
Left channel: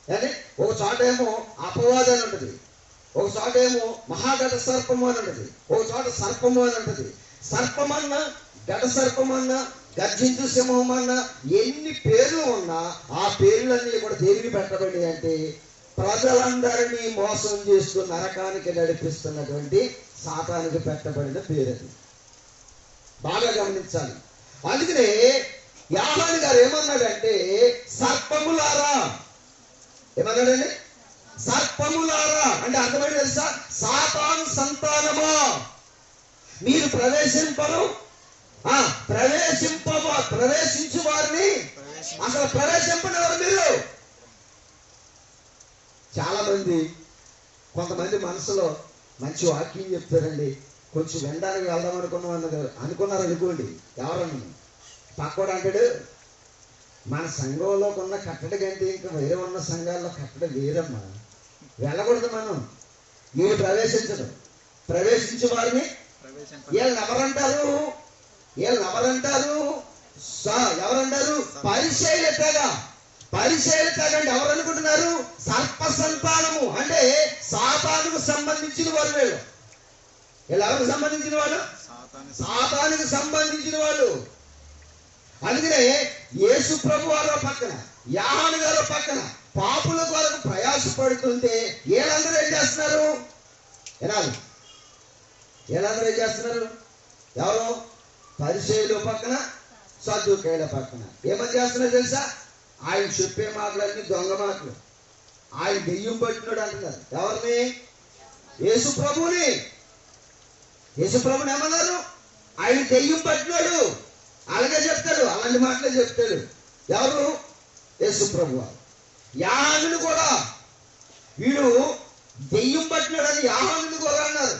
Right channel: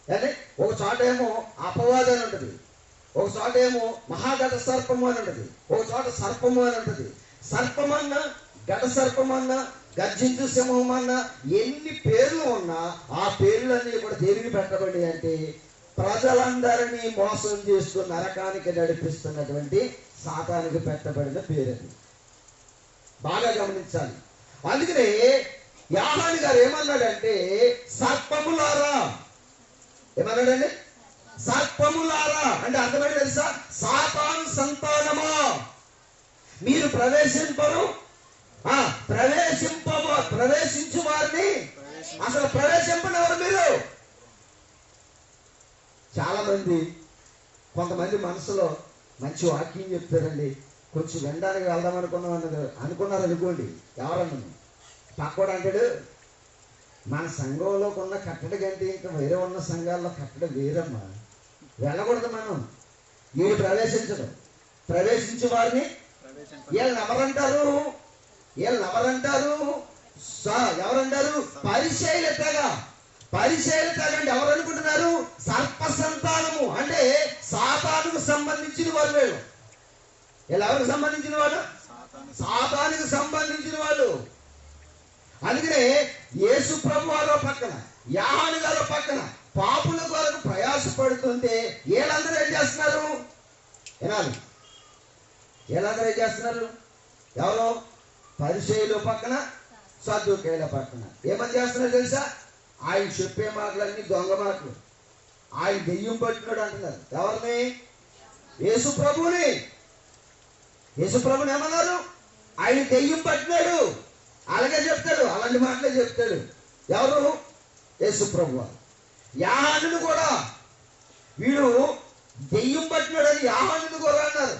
కానీ ఒక చోట ఏమో అపవాది అని ఉంటుంది, ఒక చోట ఏమో మహాఘట సర్పము అని ఉంటుంది, ఒక చోట సర్పము అని ఉంటుంది. సర్పమన్నా, ఘట సర్పమన్నా, గర్జించు సింహం అన్నా, ఎన్ని పేర్లు ఉన్నా ఆ పేర్లన్నీ కూడా దేనికి పెట్టబడి అంటే ప్రజలందరినీ మోసం చేస్తూ నరకానికి నడిపిస్తున్నటువంటి సాతానికి పెట్టబడిన పేరు. బాగా గమనించాలి. అందుకనే యోహాను గారు ఏమన్నాడంటే సర్పములారా. ఏమన్నాడండి? సర్పములారా అంటే అర్థమైంది తెలుసా? సాతాను సంతానమా, మీరు ప్రవేశింపరు, ప్రవేశించు వారిని అసలు ప్రవేశింపనివారు మీరు. చాలా మంది, కొంతమంది మనసులో మంచి వాక్యం చెప్తారండి, కొంచెం వినడానికి వెళ్దాం అనుకున్నారు అనుకోండి. ఎవరన్నా పక్కోడు అంటాడు, మన సంఘంలో ఉన్న కట్టడి కంటే ఇంకా వేరే ఉన్న సంఘాల్లో కట్టడి వేరమ్మా, వెళ్ళకూడదు మనం. వీళ్ళు ప్రవేశించడం, ప్రవేశించే వారిని వీళ్ళని ఎవరంటారు? ఎవరంటారు? పరిచయుల తెగ. పరిచర్య తెగండి ఎవరు అనుకుంటున్నారు? సర్ప సంతానము అంటే సాతానుకు సంబంధించిన వాళ్ళు. వీళ్ళు ఎవరికి సంబంధించిన వాళ్ళు? సాతానుకు సంబంధించిన వాళ్ళు. అందుకనే యేసు ప్రభు వారు పక్కన, యోహాను గారు పక్కన పాపుల కొరకు ప్రయాసపడుతుంటే వీళ్ళందరూ ఏం చేస్తున్నారు? వినాలి, వీళ్ళందరూ ఏం చేస్తున్నారు? ఎవరు? పరిసయ్యుల పక్కన, సద్దూకయ్యుల పక్కన ఏమని చేస్తున్నారు తెలుసా? ఆయన చెప్పే మాటలన్నీ దొంగ మాటలు. ఆయన దెయ్యం పట్టినాడు అంటున్నారు. ఎవరిని? యేసు ప్రభుని. యేసు ప్రభుని ఏమన్నారు? ఆయన దెయ్యం పట్టినాడు. అలాగే చెప్తాడు, అలాంటి మాటలే చెప్తాడు. ఎవరు? యేసు ప్రభు. యోహానుని కూడా వీడు దెయ్యం పట్టినాడని యోహానుని కూడా అన్నారు.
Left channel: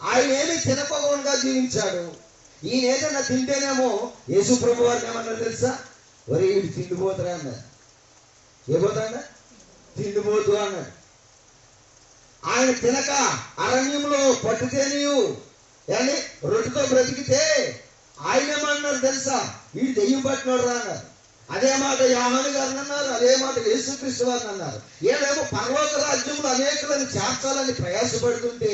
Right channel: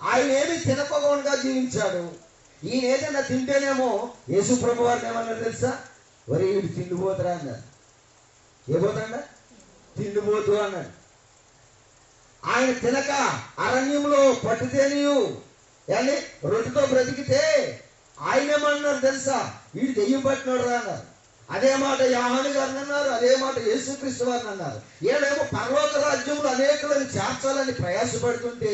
ఆయన ఏమి తినకోకుండా జీవించాడు. ఈయన ఏదైనా తింటేనేమో యేసు ప్రభు వారిని ఏమన్నారు తెలుసా? ఒరే వీడు తిండిపోతురా అన్నారు. ఏ పోతాడ? తిండిపోతు అన్నాడు. ఆయన తినక అరణ్యంలో పట్టుతేనియు అని రొట్టెతో బ్రతికితే ఆయన ఏమన్నారు తెలుసా? వీడు దెయ్యం పట్టినాడు రా అన్నారు. అదే మాట యోహాను గారిని అన్నారు, అదే మాట యేసుక్రీస్తు వారిని అన్నారు. వీళ్ళేమో పరలోక రాజ్యంలో అనేకులను చేర్చాలని ప్రయాసపడుతుంటే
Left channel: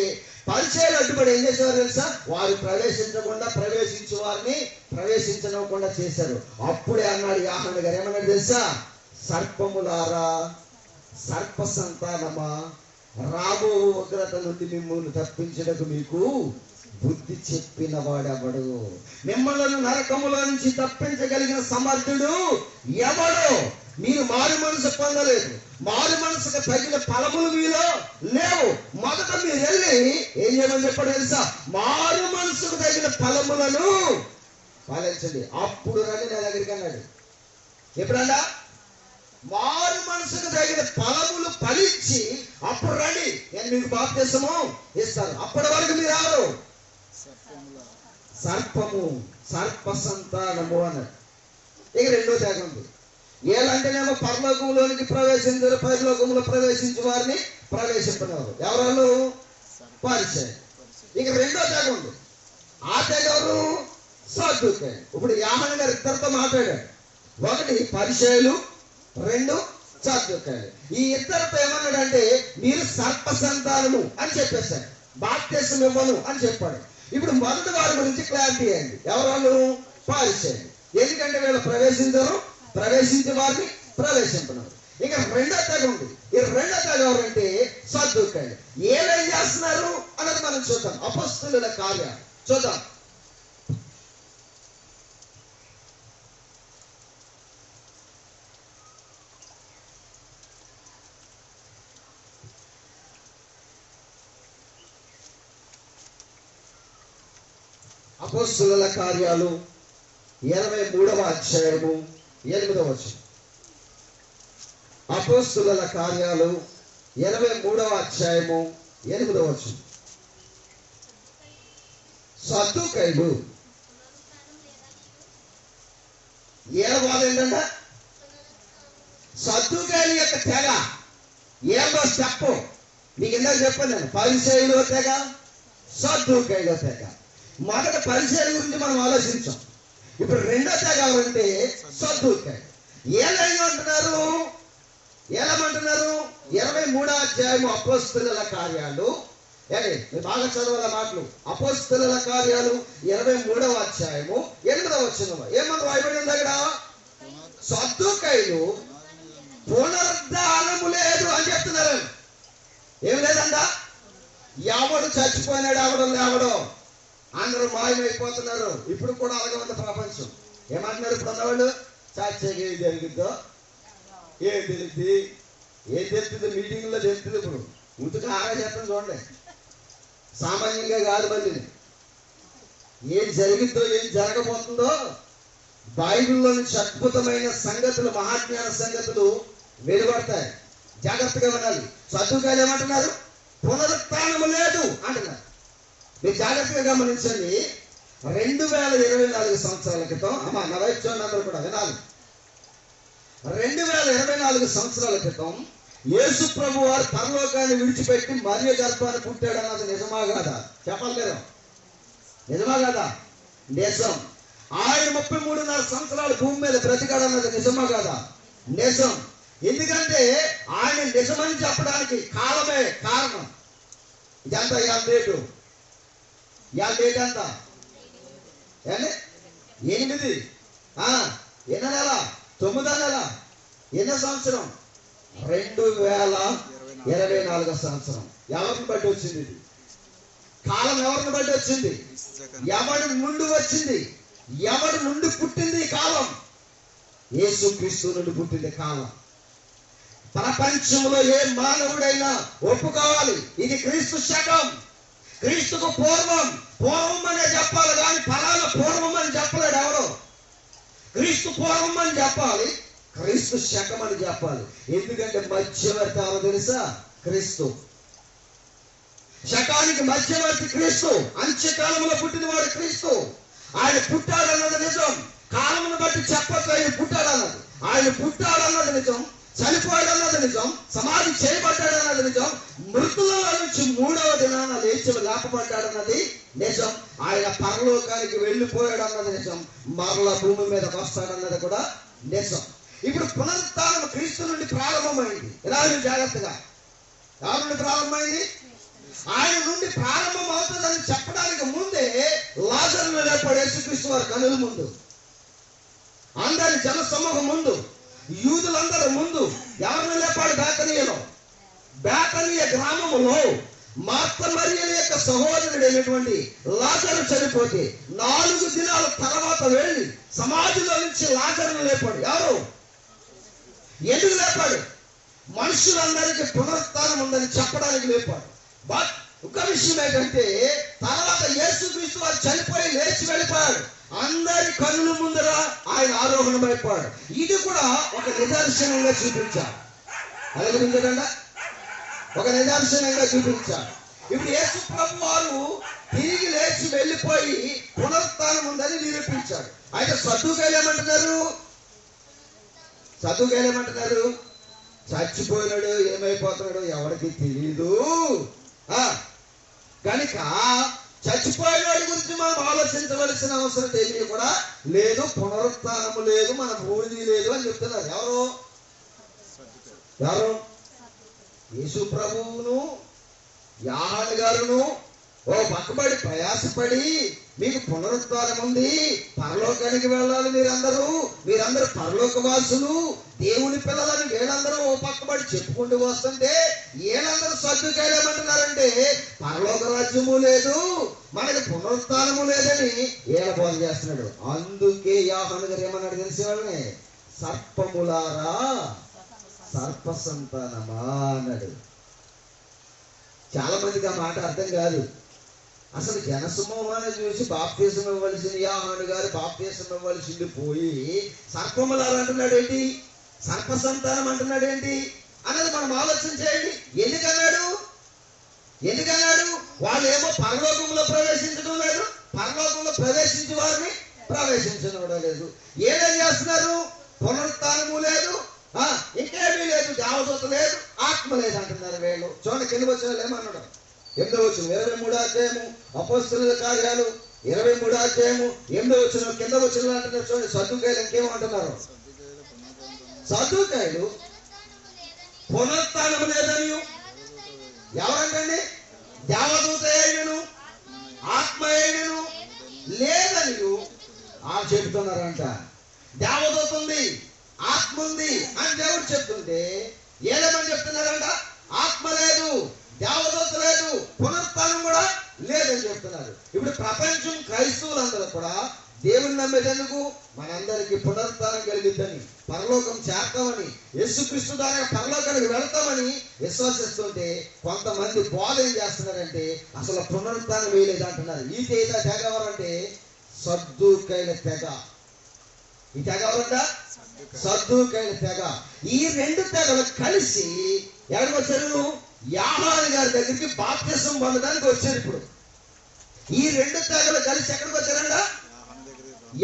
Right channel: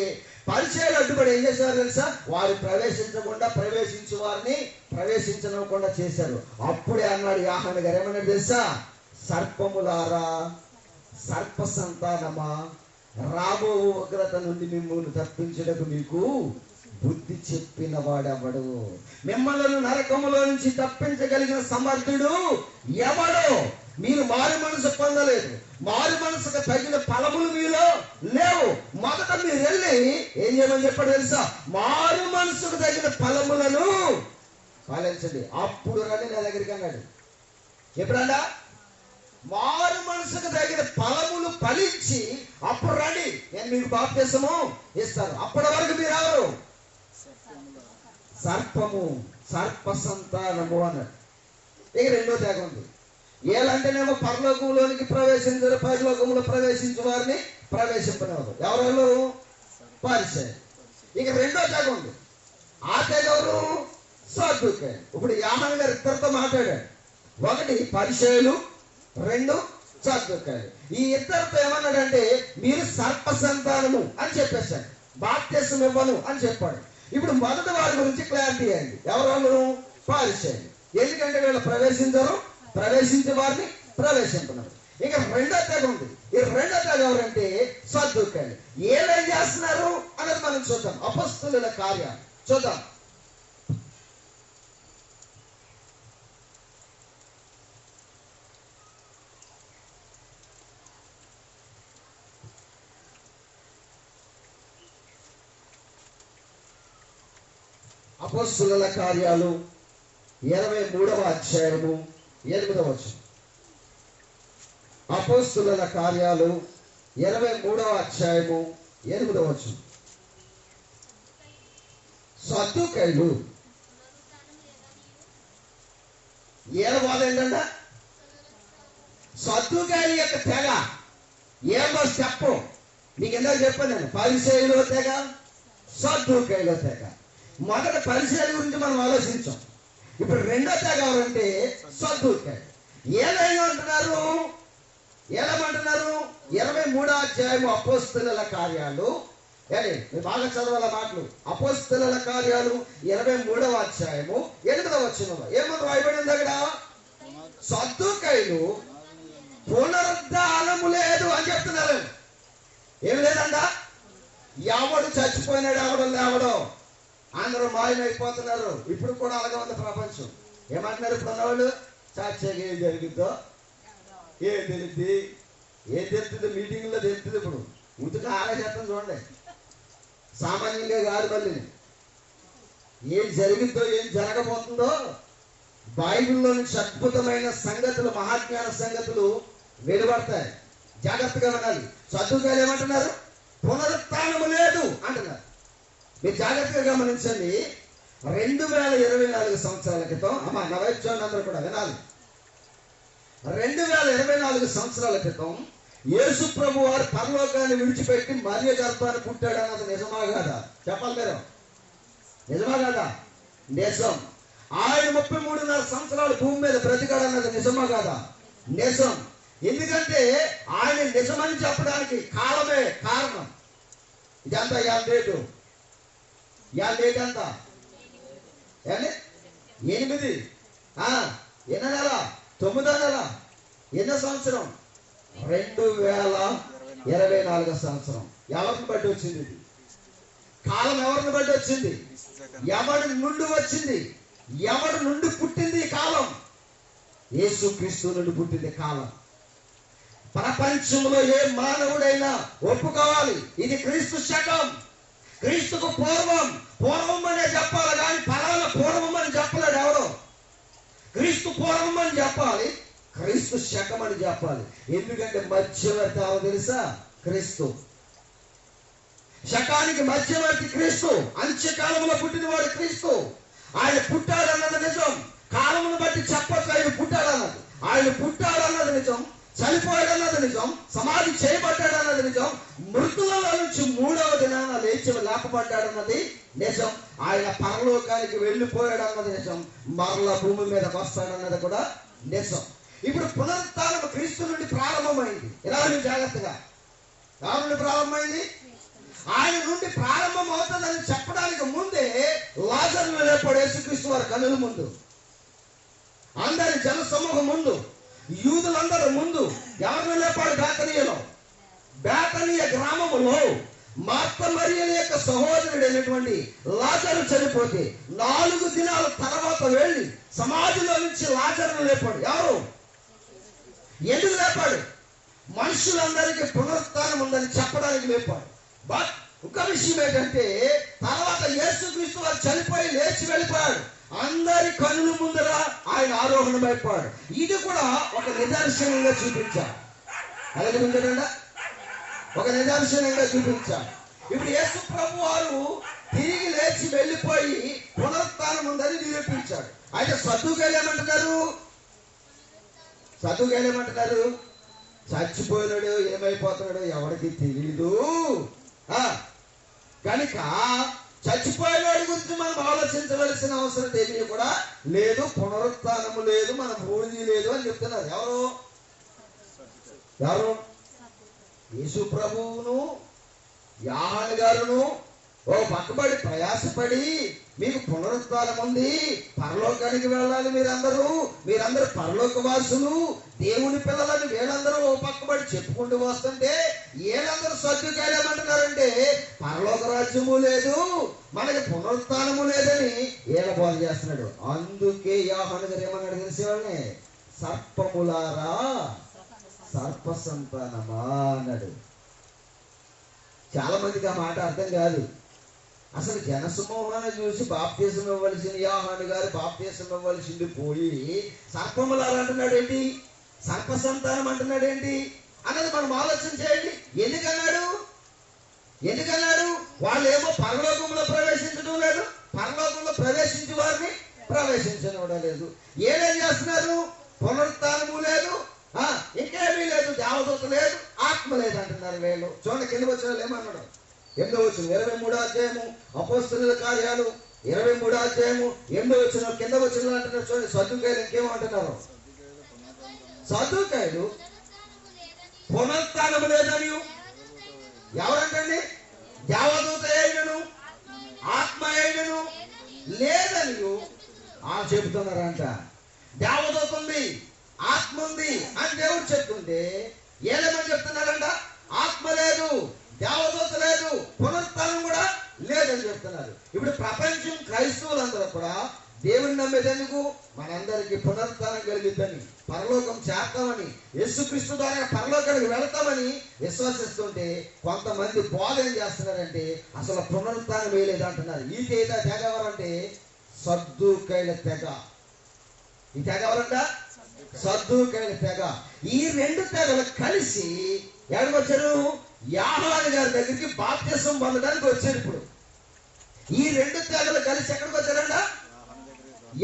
పరిచయాలు అడ్డుపడి ఏం చేసేవారు తెలుసా? వారు ప్రవేశించే వారిని ప్రవేశించకుండా చేశారు. అప్పుడే అన్నాడు యోహాను గారు, ఏమన్నాడు తెలుసా? సర్పములారా, సర్ప సంతానమా, రాబో ఉగ్రత నుండి మిమ్మల్ని తప్పించడానికి మీకు బుద్ధి చెప్పిన వాడెవడు? మిమ్మల్ని నరకములో నుంచి తప్పించగలిగిన సమర్థుడు ఎవడో? మీరు మారు మనసు పొందలేదు. మారు మనసుకు తగిన ఫలములు మీలో లేవు. మొదట మీరు వెళ్ళి ఏం చేయమని చెప్పాడు తెలుసా? మారు మనసుకు తగిన ఫలములను పాలించండి, అప్పుడు రండి నా దగ్గరికి అన్నాడు. ఎప్పుడన్నా మారు మనసుకు తగిన ఫలములు ఫలించి అప్పుడు రండి, నేను మీకు బాప్తిసము ఇస్తాను. అప్పటి వరకు మీరు ఎవరు? సర్పము, సర్ప సంతానము అన్నాడు. ఇక రెండో త్యాగం ఉంది. ఏలంటేనేమో పరలోకంలోనికి ప్రవేశించారు, పరలోకంలో ప్రవేశించే వారిని ప్రవేశింపనివారు. ఎవరు? పరిచయం. ఇక రెండో త్యాగం ఉంది. ఆ త్యాగం ఎవరు? సద్దూకయ్యులు. ఇప్పుడు యోహాను గారు ఇద్దరితో మాట్లాడాడు. ఒకటి పరిచయులు, రెండు సద్దూకయ్యులు. ఈ ఇద్దరితో ఏమన్నాడంటే మీరు సర్ప సంతానము అని చెప్పేశాడు, బాప్తిసం ఇవ్వను అని చెప్పాడు. ఇప్పుడు మొదటి వారి గురించి క్లారిటీ అయింది. ఎవరు? పరిచయులు. ఎందుకంటే వీళ్ళు ప్రవేశించరు, ప్రవేశించే వారిని ప్రవేశింపరు. ఇక రెండో తెగ ఉంది. ఈ రెండో తెగ ఎవరంటే సద్దూకయ్యులు. ఏమేం చేస్తున్నారు అన్నది మనం చూద్దాం. అపొస్తలుల కార్యాలు చూద్దాం. అపొస్తలుల కార్యాలు 23వ అధ్యాయము 8వ వచనం. అపొస్తలుల కార్యాలు 23వ అధ్యాయము 8వ వచనం. సద్దూకయ్యులు ఏడవది ఏంటంటే సద్దూకయ్యుల యొక్క తెగ ఏదో చెప్పు. నీకు ఎందుకు చెప్పాను నేను? పరిసయ్యుల తెగ, సద్దూకయ్యుల తెగ. మొదట పరిచర్య గురించి మనం ఆలోచించాం. ఇప్పుడు రెండో తెగ ఎవరంటే సద్దూకయ్యులు. ఏమంటున్నారు? 23వ అధ్యాయము అపొస్తలుల కార్యాలు. మీరు బాగా చదవాల మాటలు. అపొస్తలుల కార్యాలు 23వ అధ్యాయము 8వ వచనంలో ఏమని రాయబడింది అక్కడ? సద్దూకయ్యులు పునరుద్ధానము లేదు అని చెప్తున్నారు. ఏం లేదంట? ఎవడు చచ్చిపోయినాడు, ఎవడు లేవడో అందరూ మాయమైపోతున్నారు. ఇప్పుడు కూడా అలాగే ఉంది ప్రపంచం. ఏమంటున్నారు ఇప్పుడు ఉన్నవాళ్ళు? చచ్చగా ఏం జరుగుద్దో ఏం తెలుస్తుంది, ఏం తెలుస్తుంది మీటింగ్లో తెలుస్తుంది. ఇప్పుడు ఉతుగా ఆలోచిస్తాం చూడండి, సామాన్యంగా కాదు. మళ్ళీ ఏం జరిగిద్దో ఏం జరగబోతుందో బైబిల్లో నుంచి అద్భుతమైన సంగతులు, మహాజ్ఞాన సంగతులు వెలువడతాయి. జాగ్రత్తగా వినాలి. సద్దూకయ్యులు ఏమంటున్నారు? పునరుత్థానము లేదు అంటున్నారు. మీరు జాగ్రత్తగా గమనించండి. 2024 సంవత్సరాల క్రితం, అమ్మా నా వైపు చూడండి, అందరూ కూడా వినాలి. 2024 సంవత్సరాల క్రితం యేసు ప్రభు వారు పరలోకాన్ని విడిచిపెట్టి మరియ గర్భాన్ని పుట్టాడు అన్నది నిజమా కాదా? చెప్పాలి కదా, నిజమా కాదా? నిజం. ఆయన 33.5 సంవత్సరాలు భూమి మీద బ్రతికాడు అన్నది నిజమా కాదా? నిజం. ఎందుకంటే ఆయన నిజమని చెప్పడానికి కాలమే కారణం. ఇదంతా ఇవాళ డేటు ఎంత? 8 ఎన్నో నెల? 9వ నెల. ఎన్నో సంవత్సరం? 2024 సంవత్సరం. ఎవరిని బట్టి వచ్చింది ఇది? కాలం ఎవరిని బట్టి వచ్చింది? ఎవరి నుండి వచ్చింది? ఎవరి నుండి పుట్టింది ఈ కాలం? యేసుక్రీస్తు నుండి పుట్టింది కాలం. ప్రపంచంలో ఏ మానవుడైనా ఒప్పుకోవాలి, ఇది క్రీస్తు శకం. క్రీస్తుకు పూర్వం అనే చెప్పాలి, కానీ ఫలానా పూర్వం అని చెప్పలేడు ఎవరు. క్రీస్తు పూర్వం అని చెప్పాలి, క్రీస్తు శకం అని చెప్పాలి. ఎందుకంటే మధ్యవర్తి ఎవరో తెలుసా? క్రీస్తు. శకానికి మధ్యవర్తి క్రీస్తు. అంత్యకాలంలో పుట్టినవాడు క్రీస్తు. ఆయన పుట్టాడన్నది నిజం. కాలమును బట్టి చెప్పచ్చు ఆయన పుట్టాడన్నది. ఆయన పుట్టాడన్నది నిజం. చనిపోయాడన్నది నిజం. సమాధి చేయబడ్డాడన్నది నిజం. మృతులలో నుంచి 3వ దినాన లేచి లేపబడ్డాడన్నది నిజం. ఆయన పరలోకానికి వెళ్ళిపోయాడన్నది నిజం. మరల భూమి మీదకి వస్తాడన్నది కూడా నిజం. ఇప్పుడు పునరుత్థానం క్రీస్తు నుండి ప్రారంభమైంది. ఇలా జాగ్రత్తగా. ఎవరి నుండి ప్రారంభమైంది? ఆయన నుండి ప్రారంభం అవుతుందని చెప్పడానికి ముందే లాజరును లేపాడు యేసుక్రీస్తు వారి కనుల ముందు, అందరి జన సమూహం ముందు, యూదులందరి ముందు. ఎవరిని లేపాడు? బేతనీయ గ్రామములో మార్త మరియల యొక్క సహోదరుడైనటువంటి లాజరు చనిపోతే 4 దినాల తర్వాత వెళ్ళి సమాధిలో నుంచి లాజరును లేపాడు. ఎవరు? ఎందుకు లేపాడు? మనుషులందరికీ పునరుత్థానం ఉందని చెప్పడానికి లేపాడు. బట్ ఒక విషయం ఏంటంటే, తర్వాత యేసుక్రీస్తు వారు చనిపోయి లేచి వెళ్ళిపోయాడు. అందరి కన్నుల ముందర ఆయన ఆరోహణమైపోయాడు. ఇది కూడా ఒక నిదర్శనంగా చూపించాడు. అలాగే ఒక నిదర్శనంగా చూపించాడు. ఇప్పుడు యేసు ప్రభు వారు తిరిగి లేచి వెళ్ళిపోయి పునరుత్థానం ఉందని నిరూపించాడు. అయితే సద్దుకాయలు ఏమంటున్నారు? చచ్చిపోయినాడు, ఏమైపోతున్నాడు ఎవరికి తెలియదు. కనుక చచ్చిపోయినవాడి గురించి మనం ఆలోచించవలసిన అవసరం ఏమీ కూడా లేదు. పునరుత్థానము లేదు, మన బూడిది లేదు అని చెప్తున్నారు. ఎవరు? యేసు ప్రభువును యోహాను గారును ఓ పక్కబడి ప్రయాసపడి మీకు పునరుత్థానం ఉంది, పరలోకానికి వెళ్ళాలి, మీరందరూ పరలోకవాసులు, దేవుని పిల్లలని వీళ్ళందరూ ఓ పక్కబడి చెప్పుకుంటూ వస్తుంటే వీళ్ళందరూ సద్దుకాయలు ఏమంటున్నారంటే పరలోక రాజ్యము లేదు, మనకి పునరుత్థానము లేదని వీళ్ళ బోధ చేస్తున్నాడు. అందుకే యోహాను గారు ఏమన్నాడు తెలిసే వాళ్ళని? సర్పములారా, సర్ప సంతానమా అన్నాడు. చాలా మందికి ఆ మాట అర్థం కాదు. అసలు జనసమూహాన్ని చూసి బాప్తీసం ఇవ్వవలసిన యోహాను గారు బాప్తీసం ఇవ్వవలసింది పోయి సర్పములారా అంటున్నాడు ఏంటి? సర్ప సంతానం అంటున్నాడు ఏంటి అన్నది మనం ఆలోచన చేయండి. ఎందుకన్నాడు? వాళ్ళు ఏమో పరలోకంలో ప్రవేశించడం లేదు, పరలోకంలో ప్రవేశించి వారిని ప్రవేశించడం లేదు. ఏమేం చేస్తున్నారు? పునరుత్థానము లేదు, ఇంకేమీ లేదు, దేవదూత లేదు, ఆత్మ లేదు అంటున్నారు వీళ్ళు. చూడండి కింద వచ్చిన వాళ్ళు ఏమన్నాడు? 8వ వచనం 23వ అధ్యాయము అపోస్తలుల కార్యాలు 23వ అధ్యాయము 8వ వచనం కింద వచ్చిన అంటున్నారు. చూడండి సద్దుకాయలు ఇంకేమంటున్నారు? సద్దుకాయలు పునరుత్థానం లేదని ఎవరంటండి? దేవదూత అయినను ఆత్మ అయినను లేదని చెబుతున్నారంట. దేవదూత ఉంది, ఆత్మ ఉంది అని దేవుడు చెప్తుంటే ఏలేమని చెప్తున్నారంట? ఆత్మ లేదు, దేవదూత లేదు, పునరుత్థానం కూడా లేదని చెప్తున్నారు. ఇప్పుడు ప్రపంచం క్రైస్తవులందరూ కూడా దేవుని నమ్మేందుకు మనందరికీ పునరుత్థానం కలిగిద్దని, పరలోకం చేస్తామని, యేసుక్రీస్తు ద్వారా పరలోకానికి వెళతామని విశ్వసిస్తుంటే కొంతమంది బోధ ఏం చేస్తున్నారంటే అసలు పునరుత్థానం వేయలేదు అంటున్నారు. ఈ తెగ ఎవరంటే సద్దుకాయల తెగ. ఈ తెగ ఎవరంట? సద్దుకాయల తెగ. ఈ 2 తెగలు కలిసి ఎక్కడికి వచ్చారు? యోహాను గారి దగ్గరికి బాప్తిసం పొందడానికి వచ్చారు. ఇప్పుడు ఈ 2 తెగలు కలిసి ఎక్కడికి వచ్చారంట?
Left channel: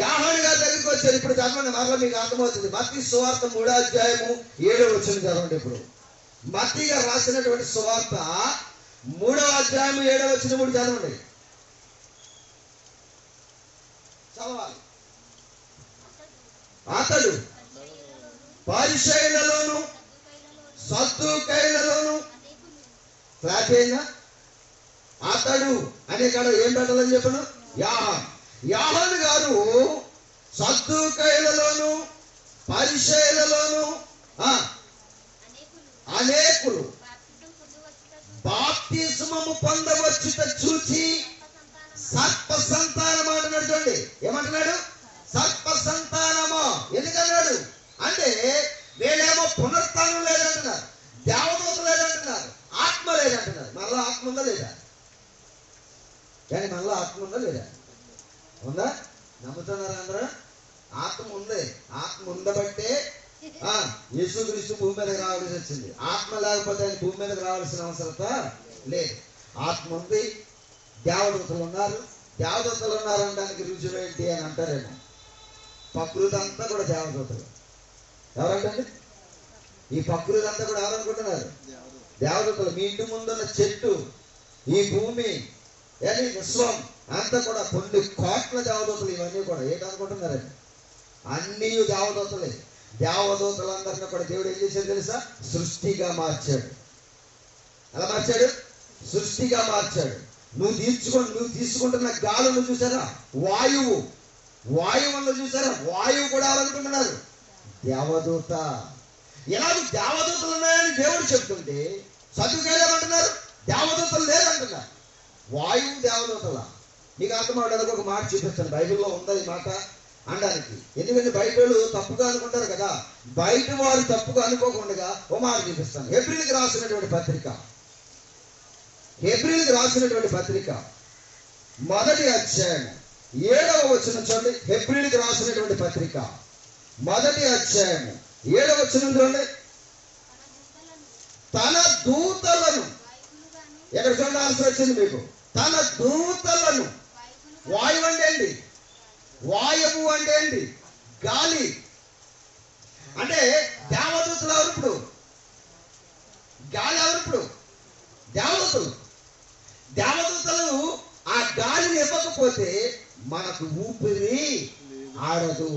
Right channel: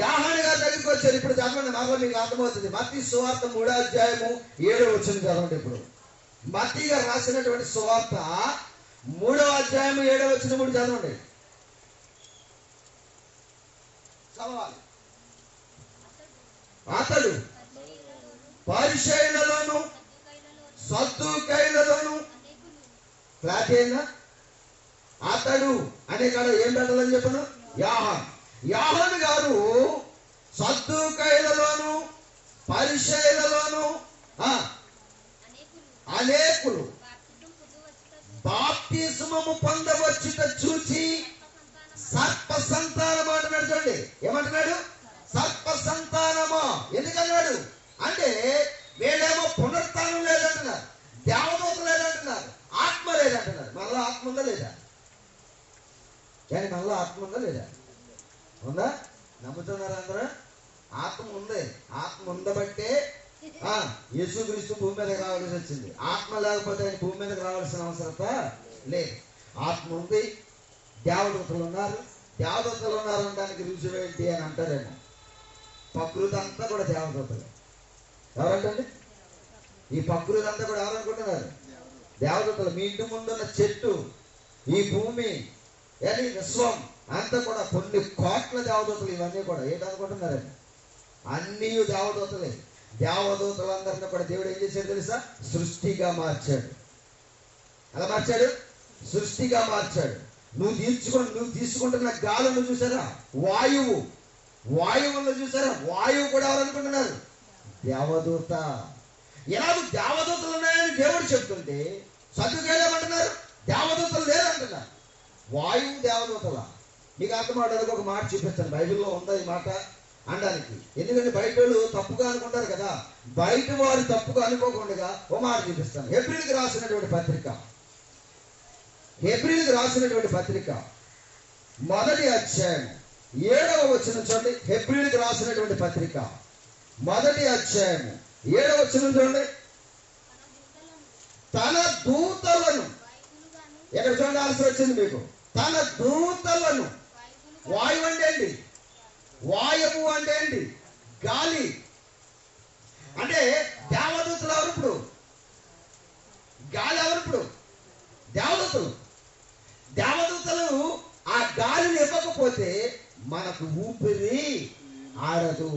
యోహాను గారి దగ్గరికి వచ్చారు. ఇప్పుడు చదవండి, మరలా మీకు అర్థమవుతుంది. మత్తయి సువార్త 3వ అధ్యాయము 7వ వచనం చదవండి. ఇప్పుడు మత్తయి గారు రాసినటువంటి సువార్త 3వ అధ్యాయము 7వ వచనం కూడా చదవండి. చదవాలి. అతడు పరిసయ్యులలోను సద్దూకయ్యులలోను క్లాస్ అయినా అతడు అనే కాడ ఏం పెట్టాలని చెప్పను, యాహాను గారు సద్దూకయ్యులలోను పరిసయ్యులలోను అనేకులు బాప్తిస్మము పొందవచ్చుట చూచి సర్ప సంతానము అంటున్నాడు. చూడండి ఏమంటున్నాడు, సర్ప సంతానము. ఎందుకన్నాడు అంటే వీళ్ళేమో పునరుత్థానం లేదంటున్నారు, దేవదూత లేదంటున్నారు, ఆత్మ లేదంటున్నారు. మళ్ళా ఆత్మ ఉందా లేదా? కానీ మళ్ళా ఆత్మ ఉందా లేదా? ఉందా? నమ్ముతున్నారా అందరూ? ఆత్మ ఉంది. ఆత్మ ఉండబట్టే యేసుక్రీస్తు భూమి మీదకి రావాల్సి వచ్చింది. ఆత్మ లేకపోతే ఆయన భూమి మీదకి రావాల్సిన అవసరత లేదు. ఆత్మ ఉంది, దేవదూతలు ఉన్నారు. దేవదూతలు ఉన్నారనడానికి రుజువు ఏంటి అని అంటారేమో. ప్రకృతి అంతా కూడా దేవదూతలు. ఎవరంటండి? ఈ ప్రకృతి అంతా కూడా ఎవరనుకుంటున్నారు? దేవదూతలు. మీ ఇంటి ముందున్న చెట్టు, ఈ భూమి, విశ్వం అంతా కూడా కొన్ని కోట్ల దేవదూతలు. ఇవన్నీ కూడా ఏంటనుకుంటున్నారండి? అన్నీ దేవదూతలే. దేవదూతలందరినీ కూడా దేవుడు ఏం చేశాడు తెలుసా? సృష్టిగా మార్చాడు. ఎలా మార్చాడు? సృష్టిగా మార్చాడు. నువ్వు తీసుకుంటున్న గాలును చూసారా? వాయువును చూసారా? వాయువు కూడా ఎవరనుకుంటున్నారు? దేవదూత. ఎలాగో దేవదూతలు ఉన్నాయని దేవుడు చెప్తుంటే సద్దుకేలేమంటున్నారు? దేవదూతలు లేదంటున్నారు. వాయువు దేవదూతల. నీకు అర్థం అవడానికి ఒక మాట చూపిస్తాను. బైబిల్లో ఉందా ఈ మాట అనడానికి. ఎందుకంటే బయట వాళ్ళు తప్పుగా అనుకుంటారు కదా. బయట వారు తప్పుగా అనుకోకుండా ఓ మాట చూపిస్తాను. ఏప్రిల్కి రాసినటువంటి పత్రిక మొదటి అధ్యాయం 7వ వచనం చూడండి. ఏప్రిల్కి రాసినటువంటి పత్రిక మొదటి అధ్యాయం 7వ వచనం చూడండి. తన దూతలను, ఎక్కడ చూడాల్సి వచ్చింది మీకు? తన దూతలను. వాయువు అంటే ఏంటి? వాయువు అంటే ఏంటి? గాలి. అంటే దేవదూతలు ఎవరు ఇప్పుడు? గాలి ఎవరు ఇప్పుడు? దేవదూతలు ఆ గాలిని ఇవ్వకపోతే మనకు ఊపిరి ఆడదు.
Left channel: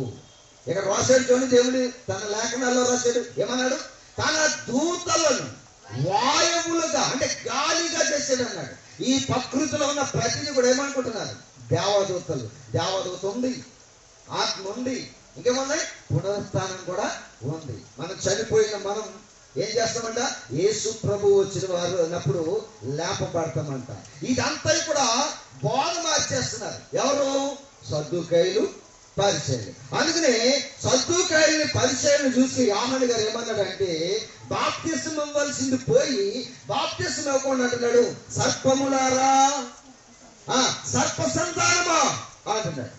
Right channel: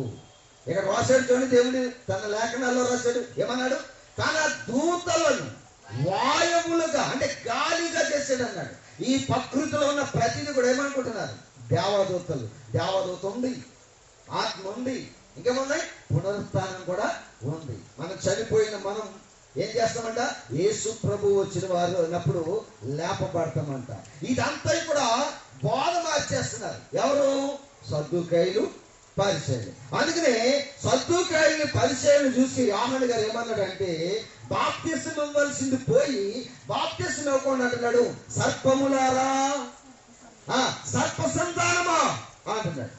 ఇక్కడ రాశాడు చూడండి. దేవుడు తన లేఖనాల్లో రాశాడు. ఏమన్నాడు? తన దూతలను వాయువులుగా అంటే గాలిగా చేశాడు అన్నాడు. ఈ ప్రకృతిలో ఉన్న ప్రతిదీ కూడా ఏమనుకుంటున్నారు? దేవదూతలు. దేవదూత ఉంది, ఆత్మ ఉంది, ఇంకేమన్నాయి? పునరుత్థానం కూడా ఉంది. మనం చనిపోయిన మనం ఏం చేస్తామంట? యేసు ప్రభు వచ్చిన వారు అన్నప్పుడు లేపబడతామంట. ఇదంతా కూడా బోధ మార్చేస్తున్నారు. ఎవరు? సద్దూకయ్యులు, పరిసయ్యులు. అందుకనే సద్దూకయ్యుని పరిసయ్యులను చూసి యోహాను గారు ఏమన్నాడంటే, బాప్తిస్మం ఇవ్వాల్సింది పోయి బాప్తిస్మం ఇవ్వకుండా అంటున్నాడు, సర్పములారా, సర్ప సంతానమా అంటున్నాడు.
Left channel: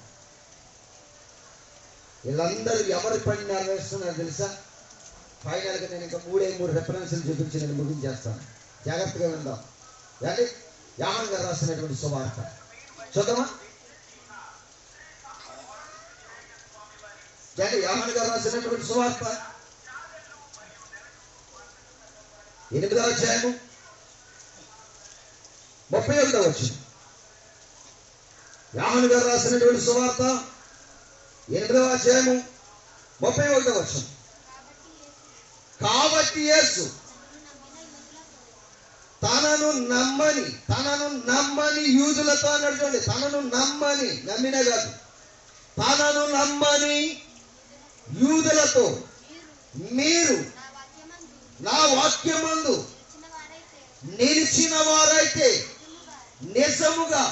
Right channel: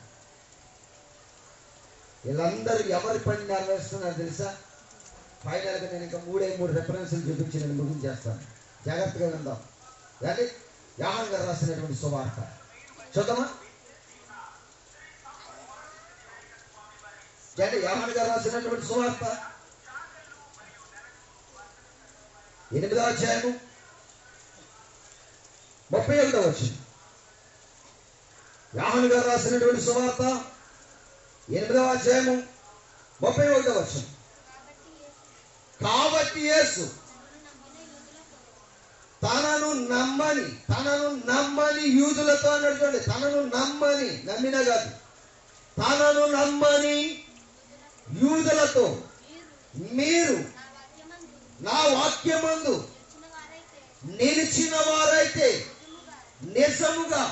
వీళ్ళందరూ ఎవరి పని నెరవేరుస్తున్నారు తెలుసా? ఫైనల్గా నేను ఇంకా 3 రెఫరెన్స్లు చూపించి నేను ముగించేస్తాను. జాగ్రత్తగా విందాం. అంటే యోహాను గారు రాసినటువంటి సువార్త చూద్దామా? యోహాను గారు రాసినటువంటి సువార్త 8వ అధ్యాయము 31వ వచనం. యోహాను గారు రాసినటువంటి సువార్త 8వ అధ్యాయము 31వ వచనం. కాబట్టి యేసు తనను నమ్మని యూదులతో అన్నాడు. చూడండి, నమ్మిన కాదు, తనను నమ్మని యూదులతో మీరు నా వాక్యమందు నిలిచిన వారైతే నిజముగా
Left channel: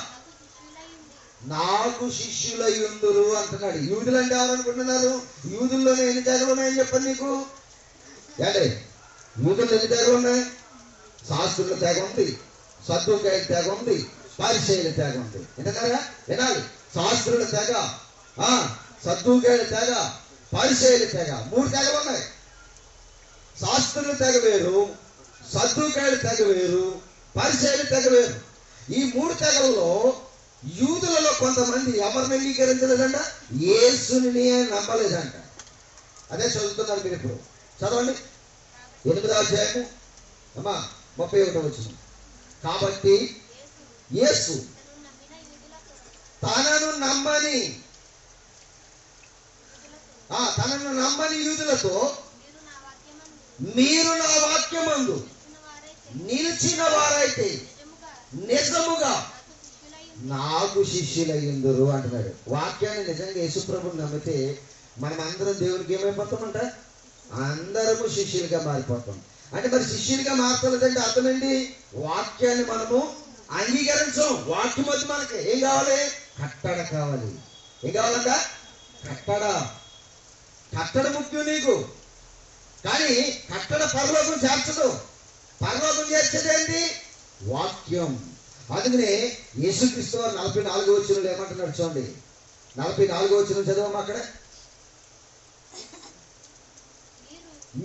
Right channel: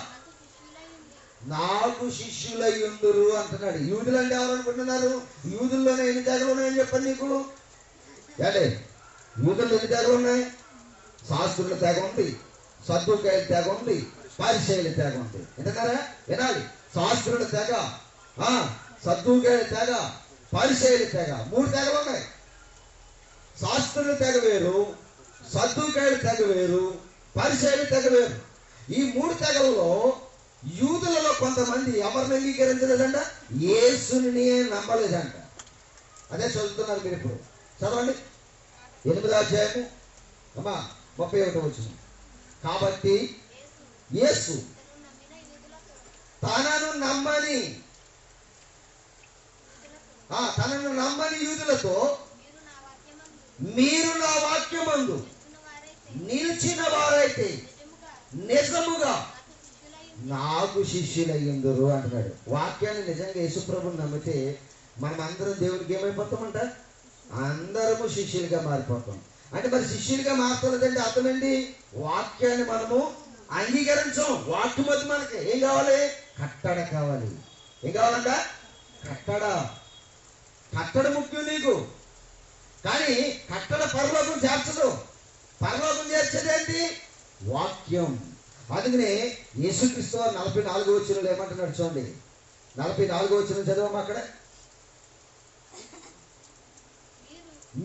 నాకు శిష్యులయ్యుందురు అంటున్నాడు. యూదులు అంటే ఎవరనుకుంటున్నారు? యూదుల్లోనే ఎన్ని తెగలు ఉన్నాయని చెప్పండి నీకు. యూదులు ఎన్ని తెగలు ఉన్నాయి? శాస్త్రుల తెగ ఉంది, సద్దూకయ్యుల తెగ ఉంది, పరిసయ్యుల తెగ ఉంది. వింటున్నారా? వినాలి. శాస్త్రుల తెగ, సద్దూకయ్యుల తెగ, పరిసయ్యుల తెగ, 3 తెగలు ఉన్నాయి. శాస్త్రుల తెగ వేరు, సద్దూకయ్యుల తెగ వేరు, పరిసయ్యుల తెగ వేరు. ఈ 3 తెగలలో యూదులలో కొంతమంది ఎవరిని అంగీకరించలేదంట? యేసుని నమ్మలేదంట. అదే చదువుతున్నారు మీరు ఇప్పుడు. చదవండి 8వ అధ్యాయము 31వ వచనం. కాబట్టి యేసు తనను నమ్మని యూదులతో మీరు నా వాక్యమందు నిలిచిన వారైతే నిజముగా నాకు శిష్యులయ్యుందురు అంటున్నాడు. వాక్యాన్ని నిజంగా యేసుప్రభుని నమ్మితే మనం అందరం దేవుడికి ఏమైపోతామంట? అందరము శిష్యులుగా మారిపోతాం. అంటే మరి శిష్యులుగా మారుతున్నదంటే అర్థం ఏంటి? వాక్యాన్ని మనము అంగీకరించం. వాక్యం వచ్చి మనకి ఏం కావాలి? కట్టడ కావాలి. ఏం కావాలంట? కట్టడ ముఖ్యం నీకు. కానీ కట్టడ పరలోకం చేర్చదు. పరలోకం చేర్చేది ఏంటి? వాక్యం. అందుకనే యేసుక్రీస్తు వారు 44వ వచనంలో ఏమంటున్నాడు చూడండి. 44వ వచనం చదవమ్మా. అక్కడ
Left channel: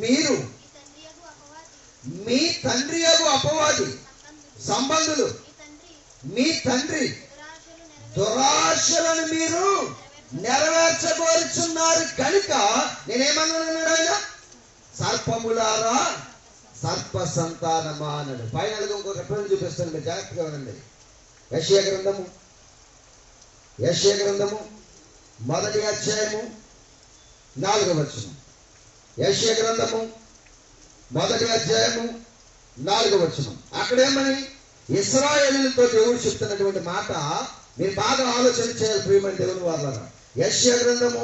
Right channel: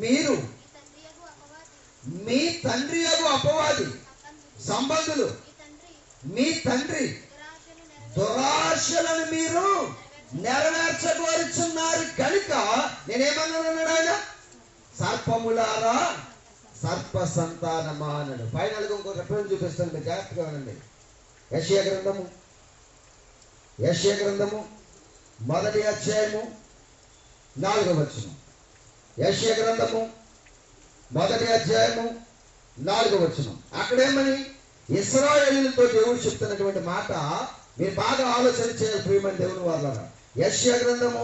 మీరు మీ తండ్రి యగు అపవాది సంబంధులు, మీ తండ్రి దురాశలను మీరు నెరవేర్చగోరుచున్నారు కనుక నేనేమన్నాడు ఆయన? సర్పములారా సర్ప సంతానమా అన్నాడు. ఫైనల్గా ఇంకొక రిఫరెన్స్ చూపిస్తాను, మీరు జాగ్రత్తగా వినండి. యెషయా గ్రంథము 1వ అధ్యాయము 4వ వచనం. యెషయా గ్రంథము 1వ అధ్యాయము 4వ వచనం. అక్కడేమని ఇశ్రాయేలుతో దేవుడు చెప్తున్నటువంటి మాట మీరు బాగా ఆలోచన చేయాలి ప్రియమైన దేవుని వాళ్ళారా. యెషయా గ్రంథము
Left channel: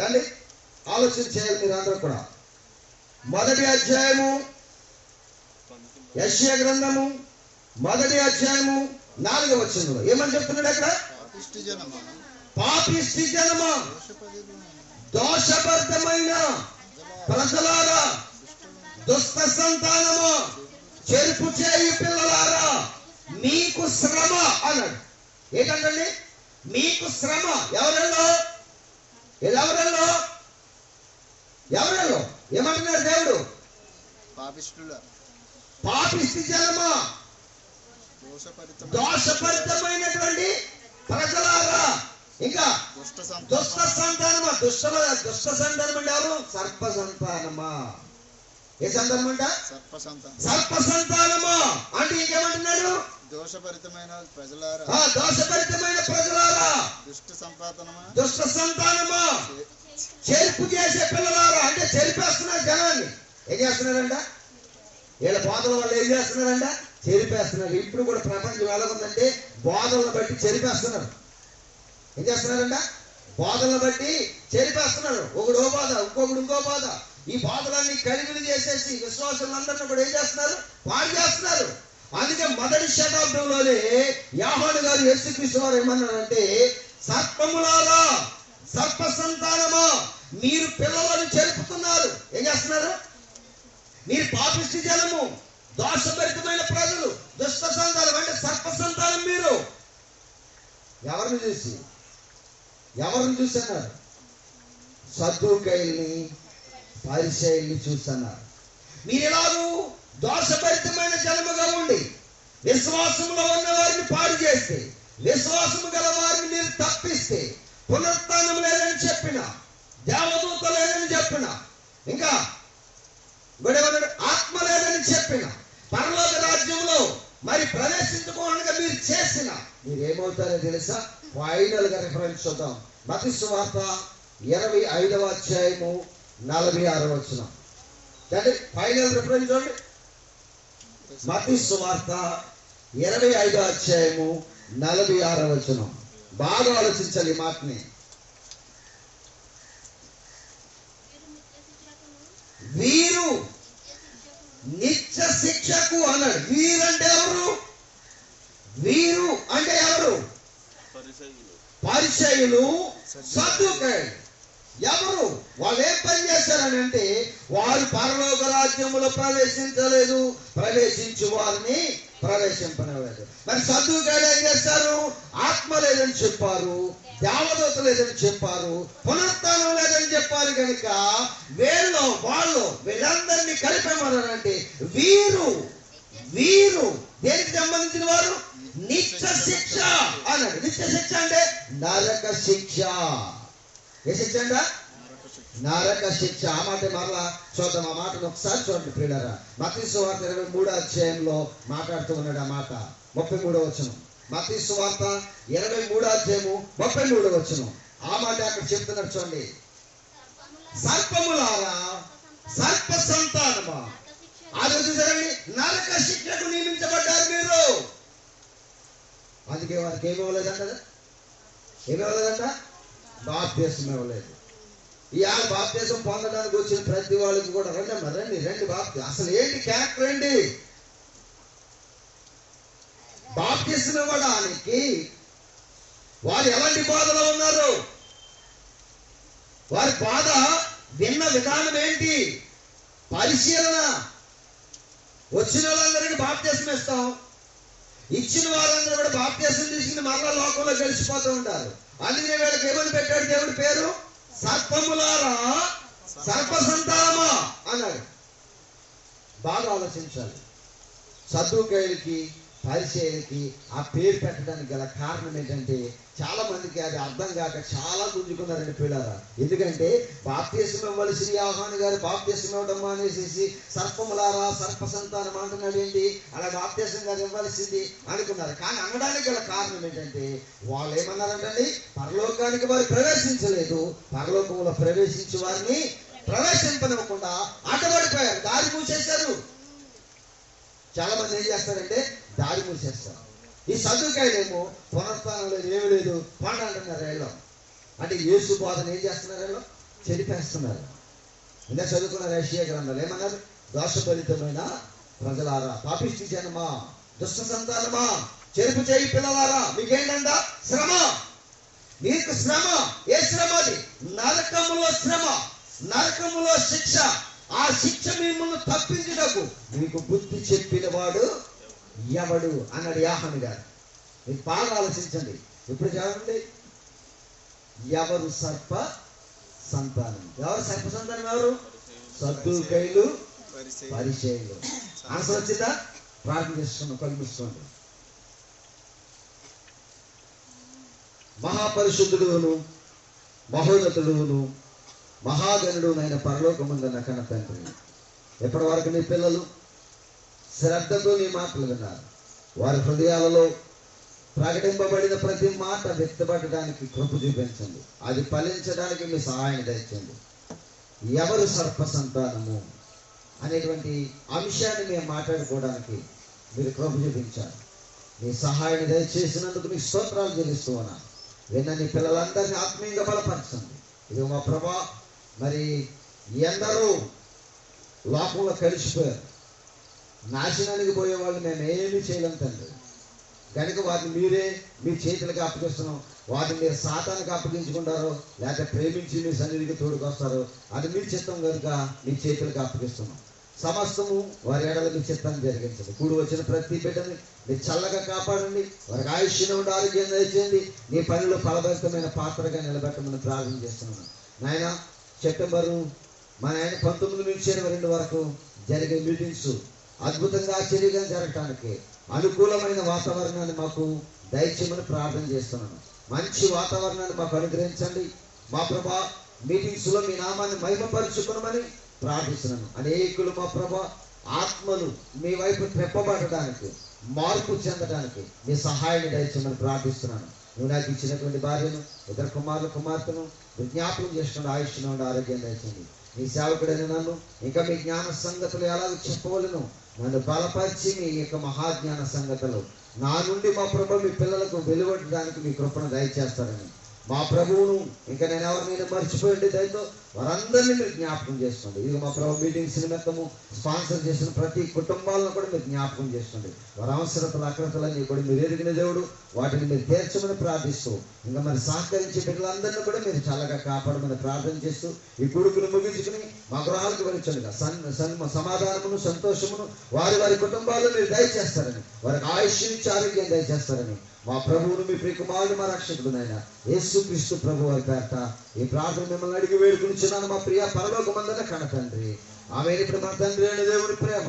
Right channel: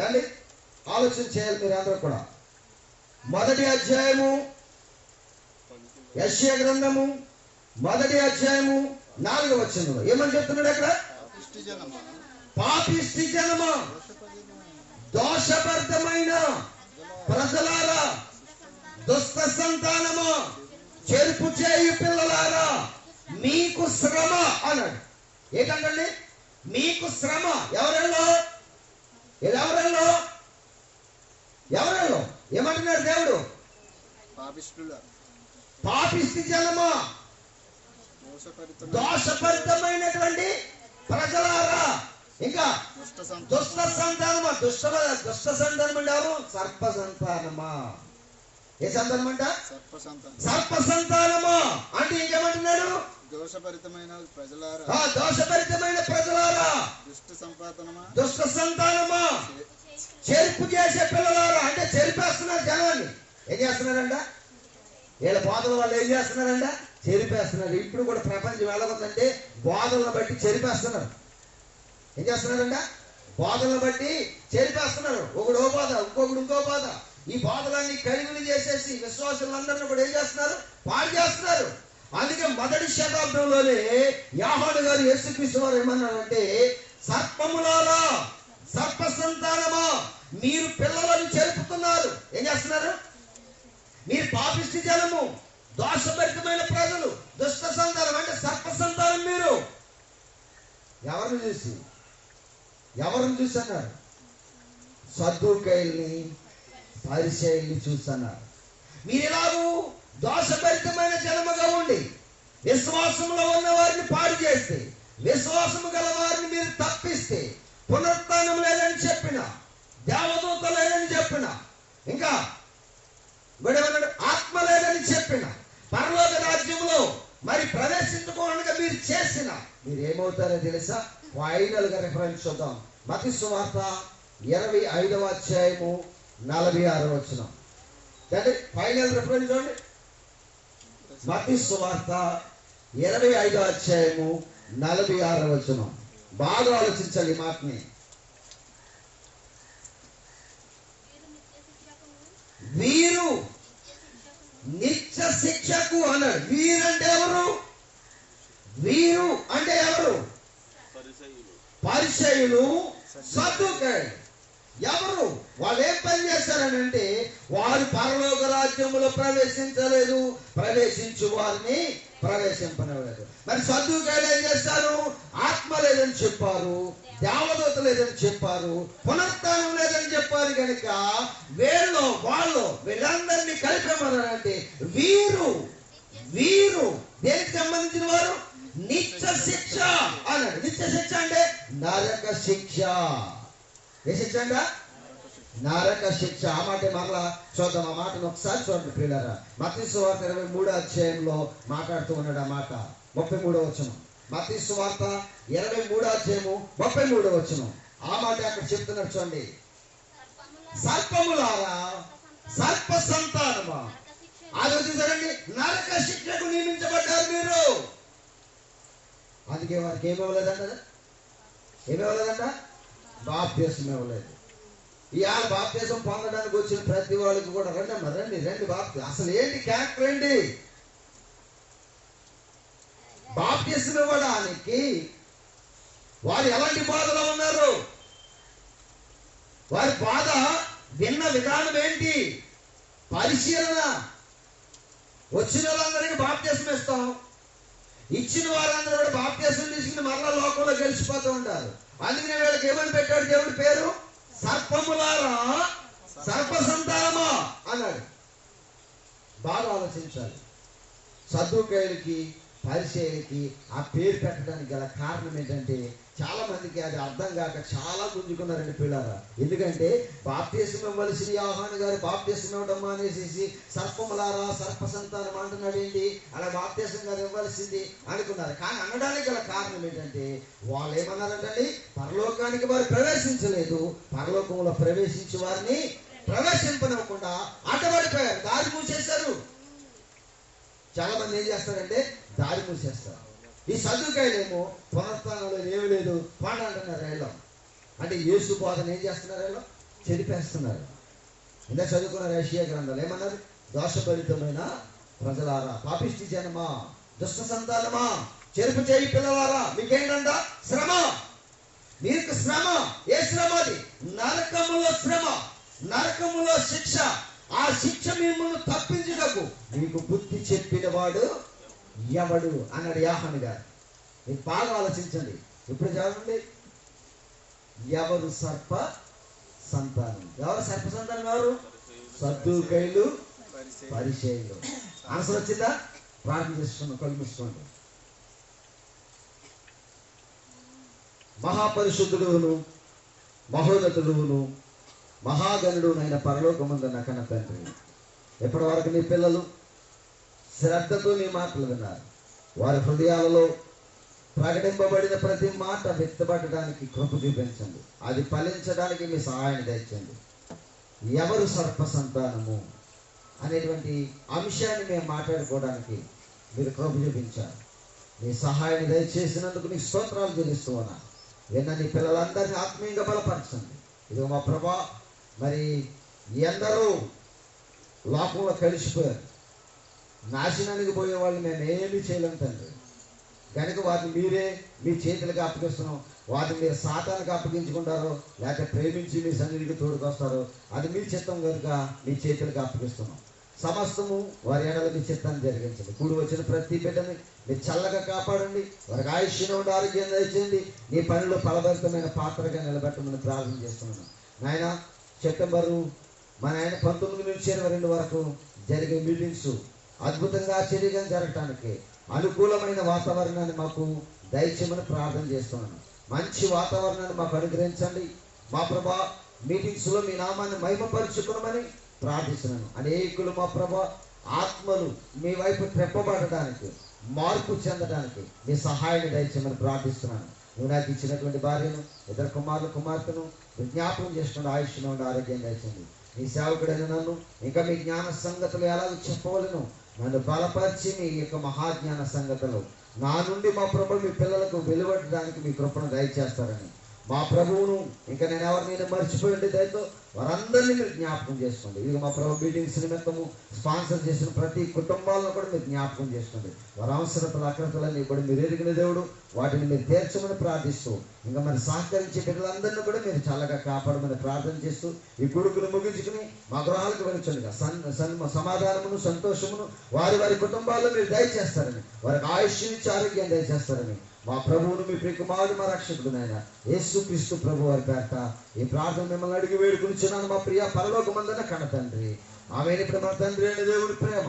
ఏమండి ఆలోచన చేయాలి మీరు అందరూ కూడా. 1వ అధ్యాయము యెషయా గ్రంథము 1వ అధ్యాయము 4వ వచనంలో ఏమని చెప్తున్నాడు అక్కడ? పాపిష్టి జనమా, దోషబద్ధమైన ప్రజలారా, దుష్ట సంతానమా, చెరుపు చేయు పిల్లలారా, మీకు శ్రమ అన్నాడు. ఏంటండి? మీకు శ్రమ. ఎవరెల్లో? ఏమంటున్నాడు దేవుడు? పాపిష్టి జనమా, దోషపరితమైనటువంటి ప్రజలారా, ఇంకా దుష్ట సంతానమా. దుష్ట సంతానం అంటే ఎవరు? సర్ప సంతానమా. ఏ సంతానం అంట? సర్ప సంతానమా. అంటే ఇంకేమంటున్నాడు? దోషభరితమైన ప్రజలారా, దోషభరితమైన ప్రజలారా, దుష్ట సంతానమా, చెరుపు చేసే పిల్లలారా. అంటే చెరిపేస్తున్నారు జనాన్ని. ఏం చేస్తున్నారంట? వీళ్ళ బోధల వాళ్ళు ఏం చేస్తున్నారంట? చెరిపేస్తున్నారు. ఇప్పుడు కూడా ప్రపంచం ఎలాగుందంటే బోధలను బట్టి చెరిపేస్తున్నారు. ఏం చేస్తున్నారంట? బోధలను బట్టి చెరిపేస్తున్నారు. ఒకడు ఓ బాధ, ఇంకొకడు ఇంకో బాధ. ఈ బాధలన్నీ కలిగిలి చేసేసి విశ్వాసులందరినీ కూడా ఏం చేస్తున్నారు? పాడు చేస్తున్నారు. అందుకే మొదటి శతాబ్దంలోనే యోహాను గారు యేసుక్రీస్తు వారు ఏమన్నారంటే, సర్పములారా, సర్ప సంతానమా, మీరు పిల్లలను చెరుపుతున్నారు. ఏం చేస్తున్నారు? మీరు పాపిష్టి జనము, దోషభరితమైన ప్రజలు, దుష్ట సంతానం అంటే సర్ప సంతానం. మీరు ఎవరిని చూసన్నారు? సద్దూకైల్ని, పరిసయ్యుల్ని చూస్తున్నారు. మీరు ఎలాగూ దోషభరితమైన జనముగా ఉండి విశ్వాసంలో ఉన్న వారిని పాడు చేస్తే, విశ్వాసము గల వారిని మీరు తప్పిస్తే, పునరుత్థానం లేదని చెప్పిన, దేవదూత లేదని చెప్పిన, ఇంకా ఆత్మ లేదని చెప్పిన, పరలోక రాజ్యంలో మరి ప్రవేశించుకోవడానికి మీరు చేసిన, మీరేమవుతారో తెలుసా? ఫైనల్ గా రిఫరెన్స్ చూద్దాం. మత్తయి సువార్త 25వ అధ్యాయము 46వ వచనం. ఫైనల్ రిఫరెన్స్ చూడండి. మత్తయి సువార్త 25వ అధ్యాయము 46వ వచనం. బాగా ఆలోచించాలి ఈ మాటని. వీరు నిత్య శిక్షకు అన్నాడు. వీరంటే ఎవరు? వీరు అంటే ఎవరు? పరిసయ్యులు, సద్దూకయ్యులు. ఎవరు? వాళ్ళు ఏం పని చేశారని అంటే, వారు పరలోక రాజ్యములో ప్రవేశించలేదు, ప్రవేశించు వారిని ప్రవేశింపలేదు. మరి సద్దూకయ్యులు ఏం చేస్తారు? ఆత్మ లేదని చెప్పారు, దేవదూత లేదని చెప్పారు, పునరుత్థానం లేదని చెప్పారు. కనుక వీళ్ళందరినీ కలిపేమన్నారంటే వీరు దేనికి సంబంధించిన వారు? నిత్య శిక్ష అన్నాడు. నిత్య శిక్ష అంటే నరక శిక్ష. ఏ శిక్ష అంట? నరక శిక్ష. ఆ మాట మరలా చూద్దాం. ఆ మాటను ఒకసారి చూడండి ప్రియులారా. మత్తయి సువార్త 23వ అధ్యాయంలో మాట్లాడుతూ ఉన్నాడు. ఆ మాట 33వ వచనం. మత్తయి సువార్త 23వ అధ్యాయము 33వ వచనం. ఆ మాట అక్కడ చెప్తున్నాడు చూడండి. సర్పములారా, సర్ప సంతానమా. అది చూసారండి, నరక శిక్షకు నియమించబడ్డారు మీరు. అందుకే వారికి ఏమి ఇవ్వలేదంట, బాప్తిసం ఇవ్వలేదు. ఇవాళ బాప్తిసం పొందడానికి వచ్చిన ప్రతి వాళ్ళకి కూడా రండి బాప్తిసం. అసలు ఏంటి క్యారెక్టర్ ఏంటి? బాప్తిసం ఇవ్వడానికి వారు ఎలాంటి బాధలో ఉన్నారు? వారి బాధ విన్న విధానం ఏంటి? పరిశీలన. వచ్చిన వాళ్ళందరికీ బాప్తిసం ఇస్తాం, ఇచ్చిన వారందరూ కూడా బాప్తిసం తీసుకుని మరలా లోకంలో గడిచిపోతూ ఉంటారు. అందుకనే వీళ్ళకి ఏమని పెట్టాడు దేవుడి పేరు? సర్పములారా, సర్ప సంతానమా అన్నాడు. బాగా ఆలోచించాలి. సద్దూకయ్యులకి పరిసయ్యులకి ఆ పేరు పెట్టడానికి గల కారణం ఏంటంటే, చాలా మందికి అది అర్థం కాక చాలా గుంజుకున్నారండి పిల్లరా. ఎందుకంటే బాప్తిసం ఇవ్వవలసిన యోహాను గారు బాప్తిసం ఇవ్వడం మానేసేసి సర్పములారా, సర్ప సంతానం అంటున్నాడు ఏంటి? అలా బాప్తిసం గారు ఇవ్వాల్సింది అనుకున్నారు. కానీ అనడానికి గల కారణం ఏంటంటే, వాళ్ళు ఏమన్నారంటండి, పరలోకానికి వారు ప్రవేశించలేదు, పరలోకంలో ప్రవేశించి వారిని ప్రవేశింపనివ్వకుండా అడ్డపడిపోయారు, దారి మూసేశారు. చాలా మంది ఏం చేస్తారంటే దారి మూసేస్తారు. ఈ సద్దుకాయలేమో పునరుత్థానం లేదు, ఏమి లేదు, పాట అంటున్నారు. వీళ్ళు అంటే యేసు బోధన ఏం చేస్తున్నారు? వీళ్ళు చెరిపేస్తున్నారు. ఇంకా చదువుకున్నారు యెషయా గ్రంథాలు ఏమన్నారు? దోషభరితమైన ప్రజలారా, పాపిష్టి జనమా, దుష్ట సంతానమా, చెరుపు చేయి పిల్లలారా, మీకేంటంట? శ్రమ. మీకు శ్రమ. ఏ శ్రమ అది? నరకములో శ్రమ, నరకములో శిక్ష. ఆ శిక్ష మిమ్మల్ని తప్పించుటకు మీకు బుద్ధి చెప్పిన వాడు ఎవడు అన్నాడు యోహాను గారు. మీకు బాగా ఆలోచించండి. ఇప్పుడు చూడండి, ఎవరు సర్ప సంతానం? ఎవరు సర్ప సంతానం? ఎవరు? సద్దూకయ్యులు, పరిసయ్యులు. ఆన్సర్ వచ్చిందా? ప్రార్థన చేసుకున్నాం, కళ్ళు మూసుకోండి. మహాపరిశుద్ధుడును మహోన్నతుడును మహాగణుడునైన పరలోకమందున్న కన్న తండ్రి, ఎప్పటి వరకు నీ పిల్లలు శ్రద్ధతో నీ మాటలు విన్నారు. వారి హృదయాలలో ప్రకటింపబడిన ప్రతి మాట వ్యక్తపడడానికి కృప చూపించండి. అది ఫలించడానికి మీ సహాయం దయచండి. ఎవరు సర్ప సంతానము అనేటువంటి అంశాన్ని మేము మాట్లాడుకోవడానికి మీరు కృప చూపించారు. మీ సహాయాన్ని దయచేసినందుకు మీకు స్తోత్రాలు చెల్లిస్తూ ఉన్నా. విన్న నీ పిల్లలందరినీ ఆత్మీయంగా బలపరచండి. ఇది మా ప్రభా, మరి ఎందరో లోకంలో కలిసిపోయారు, నాశనానికి పోయే వాళ్ళు మేము ఏమీ చేయలేం తండ్రి. కనుక వాటిని మీరే మీ చేతులకు అప్పగిస్తున్నాం. వాటిని మీరు సాతానికి అప్పగించుకుంటారో లేక ప్రేమించి మీ సన్నిధికి తోడుకొస్తారో అది మీ చిత్తం కనుక మీ చేతులకు అప్పగిస్తున్నాం. సమస్తము వారి ఏడల మీ చిత్తాన్ని జరిగించండి. కూడి వచ్చిన ప్రతి బిడ్డని మీరు చల్లగా కాపాడండి. వారికి ఆయుష్ను ఉండి ఆరోగ్యం దయచేయండి. నీ పనిలో ఫలభరితమైన పాత్రగా నిలబెట్టమని ప్రార్థన చేస్తున్నాను. నాయన, సెప్టెంబరు మన ఆయన 19 నుంచి 22 వరకు జరిగే మీటింగ్స్ అద్భుతంగా ఆశ్చర్యంగా జరగటానికి అనుకూలమైన వాతావరణాన్ని మాకు దయచేయమని ప్రార్థన చేస్తున్నాను. మంచి వాతావరణాన్ని మాకు అనుగ్రహించండి. మా ప్రభా, మీటింగ్స్లో మీ నామాన్ని మహిమపరుచుకునమని ప్రార్థిస్తున్నాను. అనేకులు మా ప్రభా ఆత్మలు మీ వైపు తెప్పబడటానికి, మార్పు చెందడానికి మీ సహాయాన్ని దయచేయమని ప్రార్థిస్తున్నాను. నువ్వు నాకు ఇచ్చినటువంటి భార్యను, ఇద్దరు కుమారులు కుమార్తెను జ్ఞాపకం చేసుకుని ఆయుష్ను ఉండి ఆరోగ్యం దయచేయండి. నీ సేవకుడైన నన్ను ఇంకా మీ జ్ఞాన సంగతులు ఎలాగ చెప్పవలను నన్ను బలపరిచి మీ యొక్క మహాజ్ఞాన సంగతులు నా నుండి మా ప్రభు మీ పిల్లలకు వెలువడడానికి మీ కృపను దయచేస్తారని మా ప్రభువును ఇంకా నేను ఎవరినైనా మర్చిపోయింది దయతో వారందరినీ మీరు జ్ఞాపకం చేసుకోండి. ఇక మా ప్రభు మీటింగ్స్ నిమిత్తము స్పాన్సర్ చేసిన ప్రతి కుటుంబాలను కూడా మీరు జ్ఞాపకం చేసుకోండి. వారి అవసరతలు అక్రతలన్నీ కూడా మీరు ఎరిగిన దేవుడు, వాటిని మీరు తీర్చమని ప్రార్థిస్తూ ఇంకా మరి సహకరించే బిడ్డలందరినీ కూడా మీరు చల్లగా కాపాడమని ప్రార్థన చేస్తూ ఈ కొడుకును ముగించుకుని మా గృహాలకు వెళ్ళొచ్చుగా సమాధానమును సంతోషమును వారి వారి కుటుంబాల్లో మీరు దయచేస్తారని, వారికి ఆయుష్ నుంచి ఆరోగ్యం దయచేస్తారని మా ప్రభువును మీ ప్రియకుమారుడు మా రక్షకుడునైనా యేసుక్రీస్తు ప్రభు వారి పేరట ఈ ప్రార్థన మిమ్మల్ని అడిగి వేడుకొనిచున్నాను మా ప్రియ పరలోకమందున్న కన్న తండ్రి. ఆమె ఇప్పుడు మన తండ్రి అయిన దేవుడి ప్రేమ,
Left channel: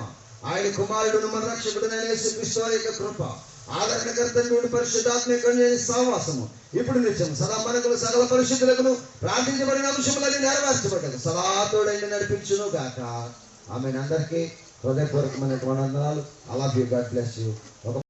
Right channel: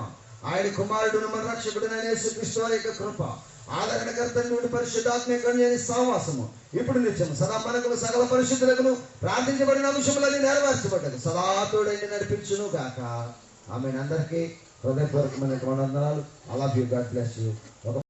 ఆయన కుమారుడును మన రక్షకుడునైన యేసుక్రీస్తు వారి యొక్క కృప, ఆదరణకర్త నుండి పరిశుద్ధాత్మక సహవాసము ఇప్పుడు నిత్యం సదా మనకు సకల పరిశుద్ధులకు ప్రార్థించబడిన అంశములని నెరవేర్చబడ్డది సదా తోడైన నడిపించును గాక. ఆమె అందరికీ హృదయపూర్వకమైన వందనాలు. I love you. God bless you.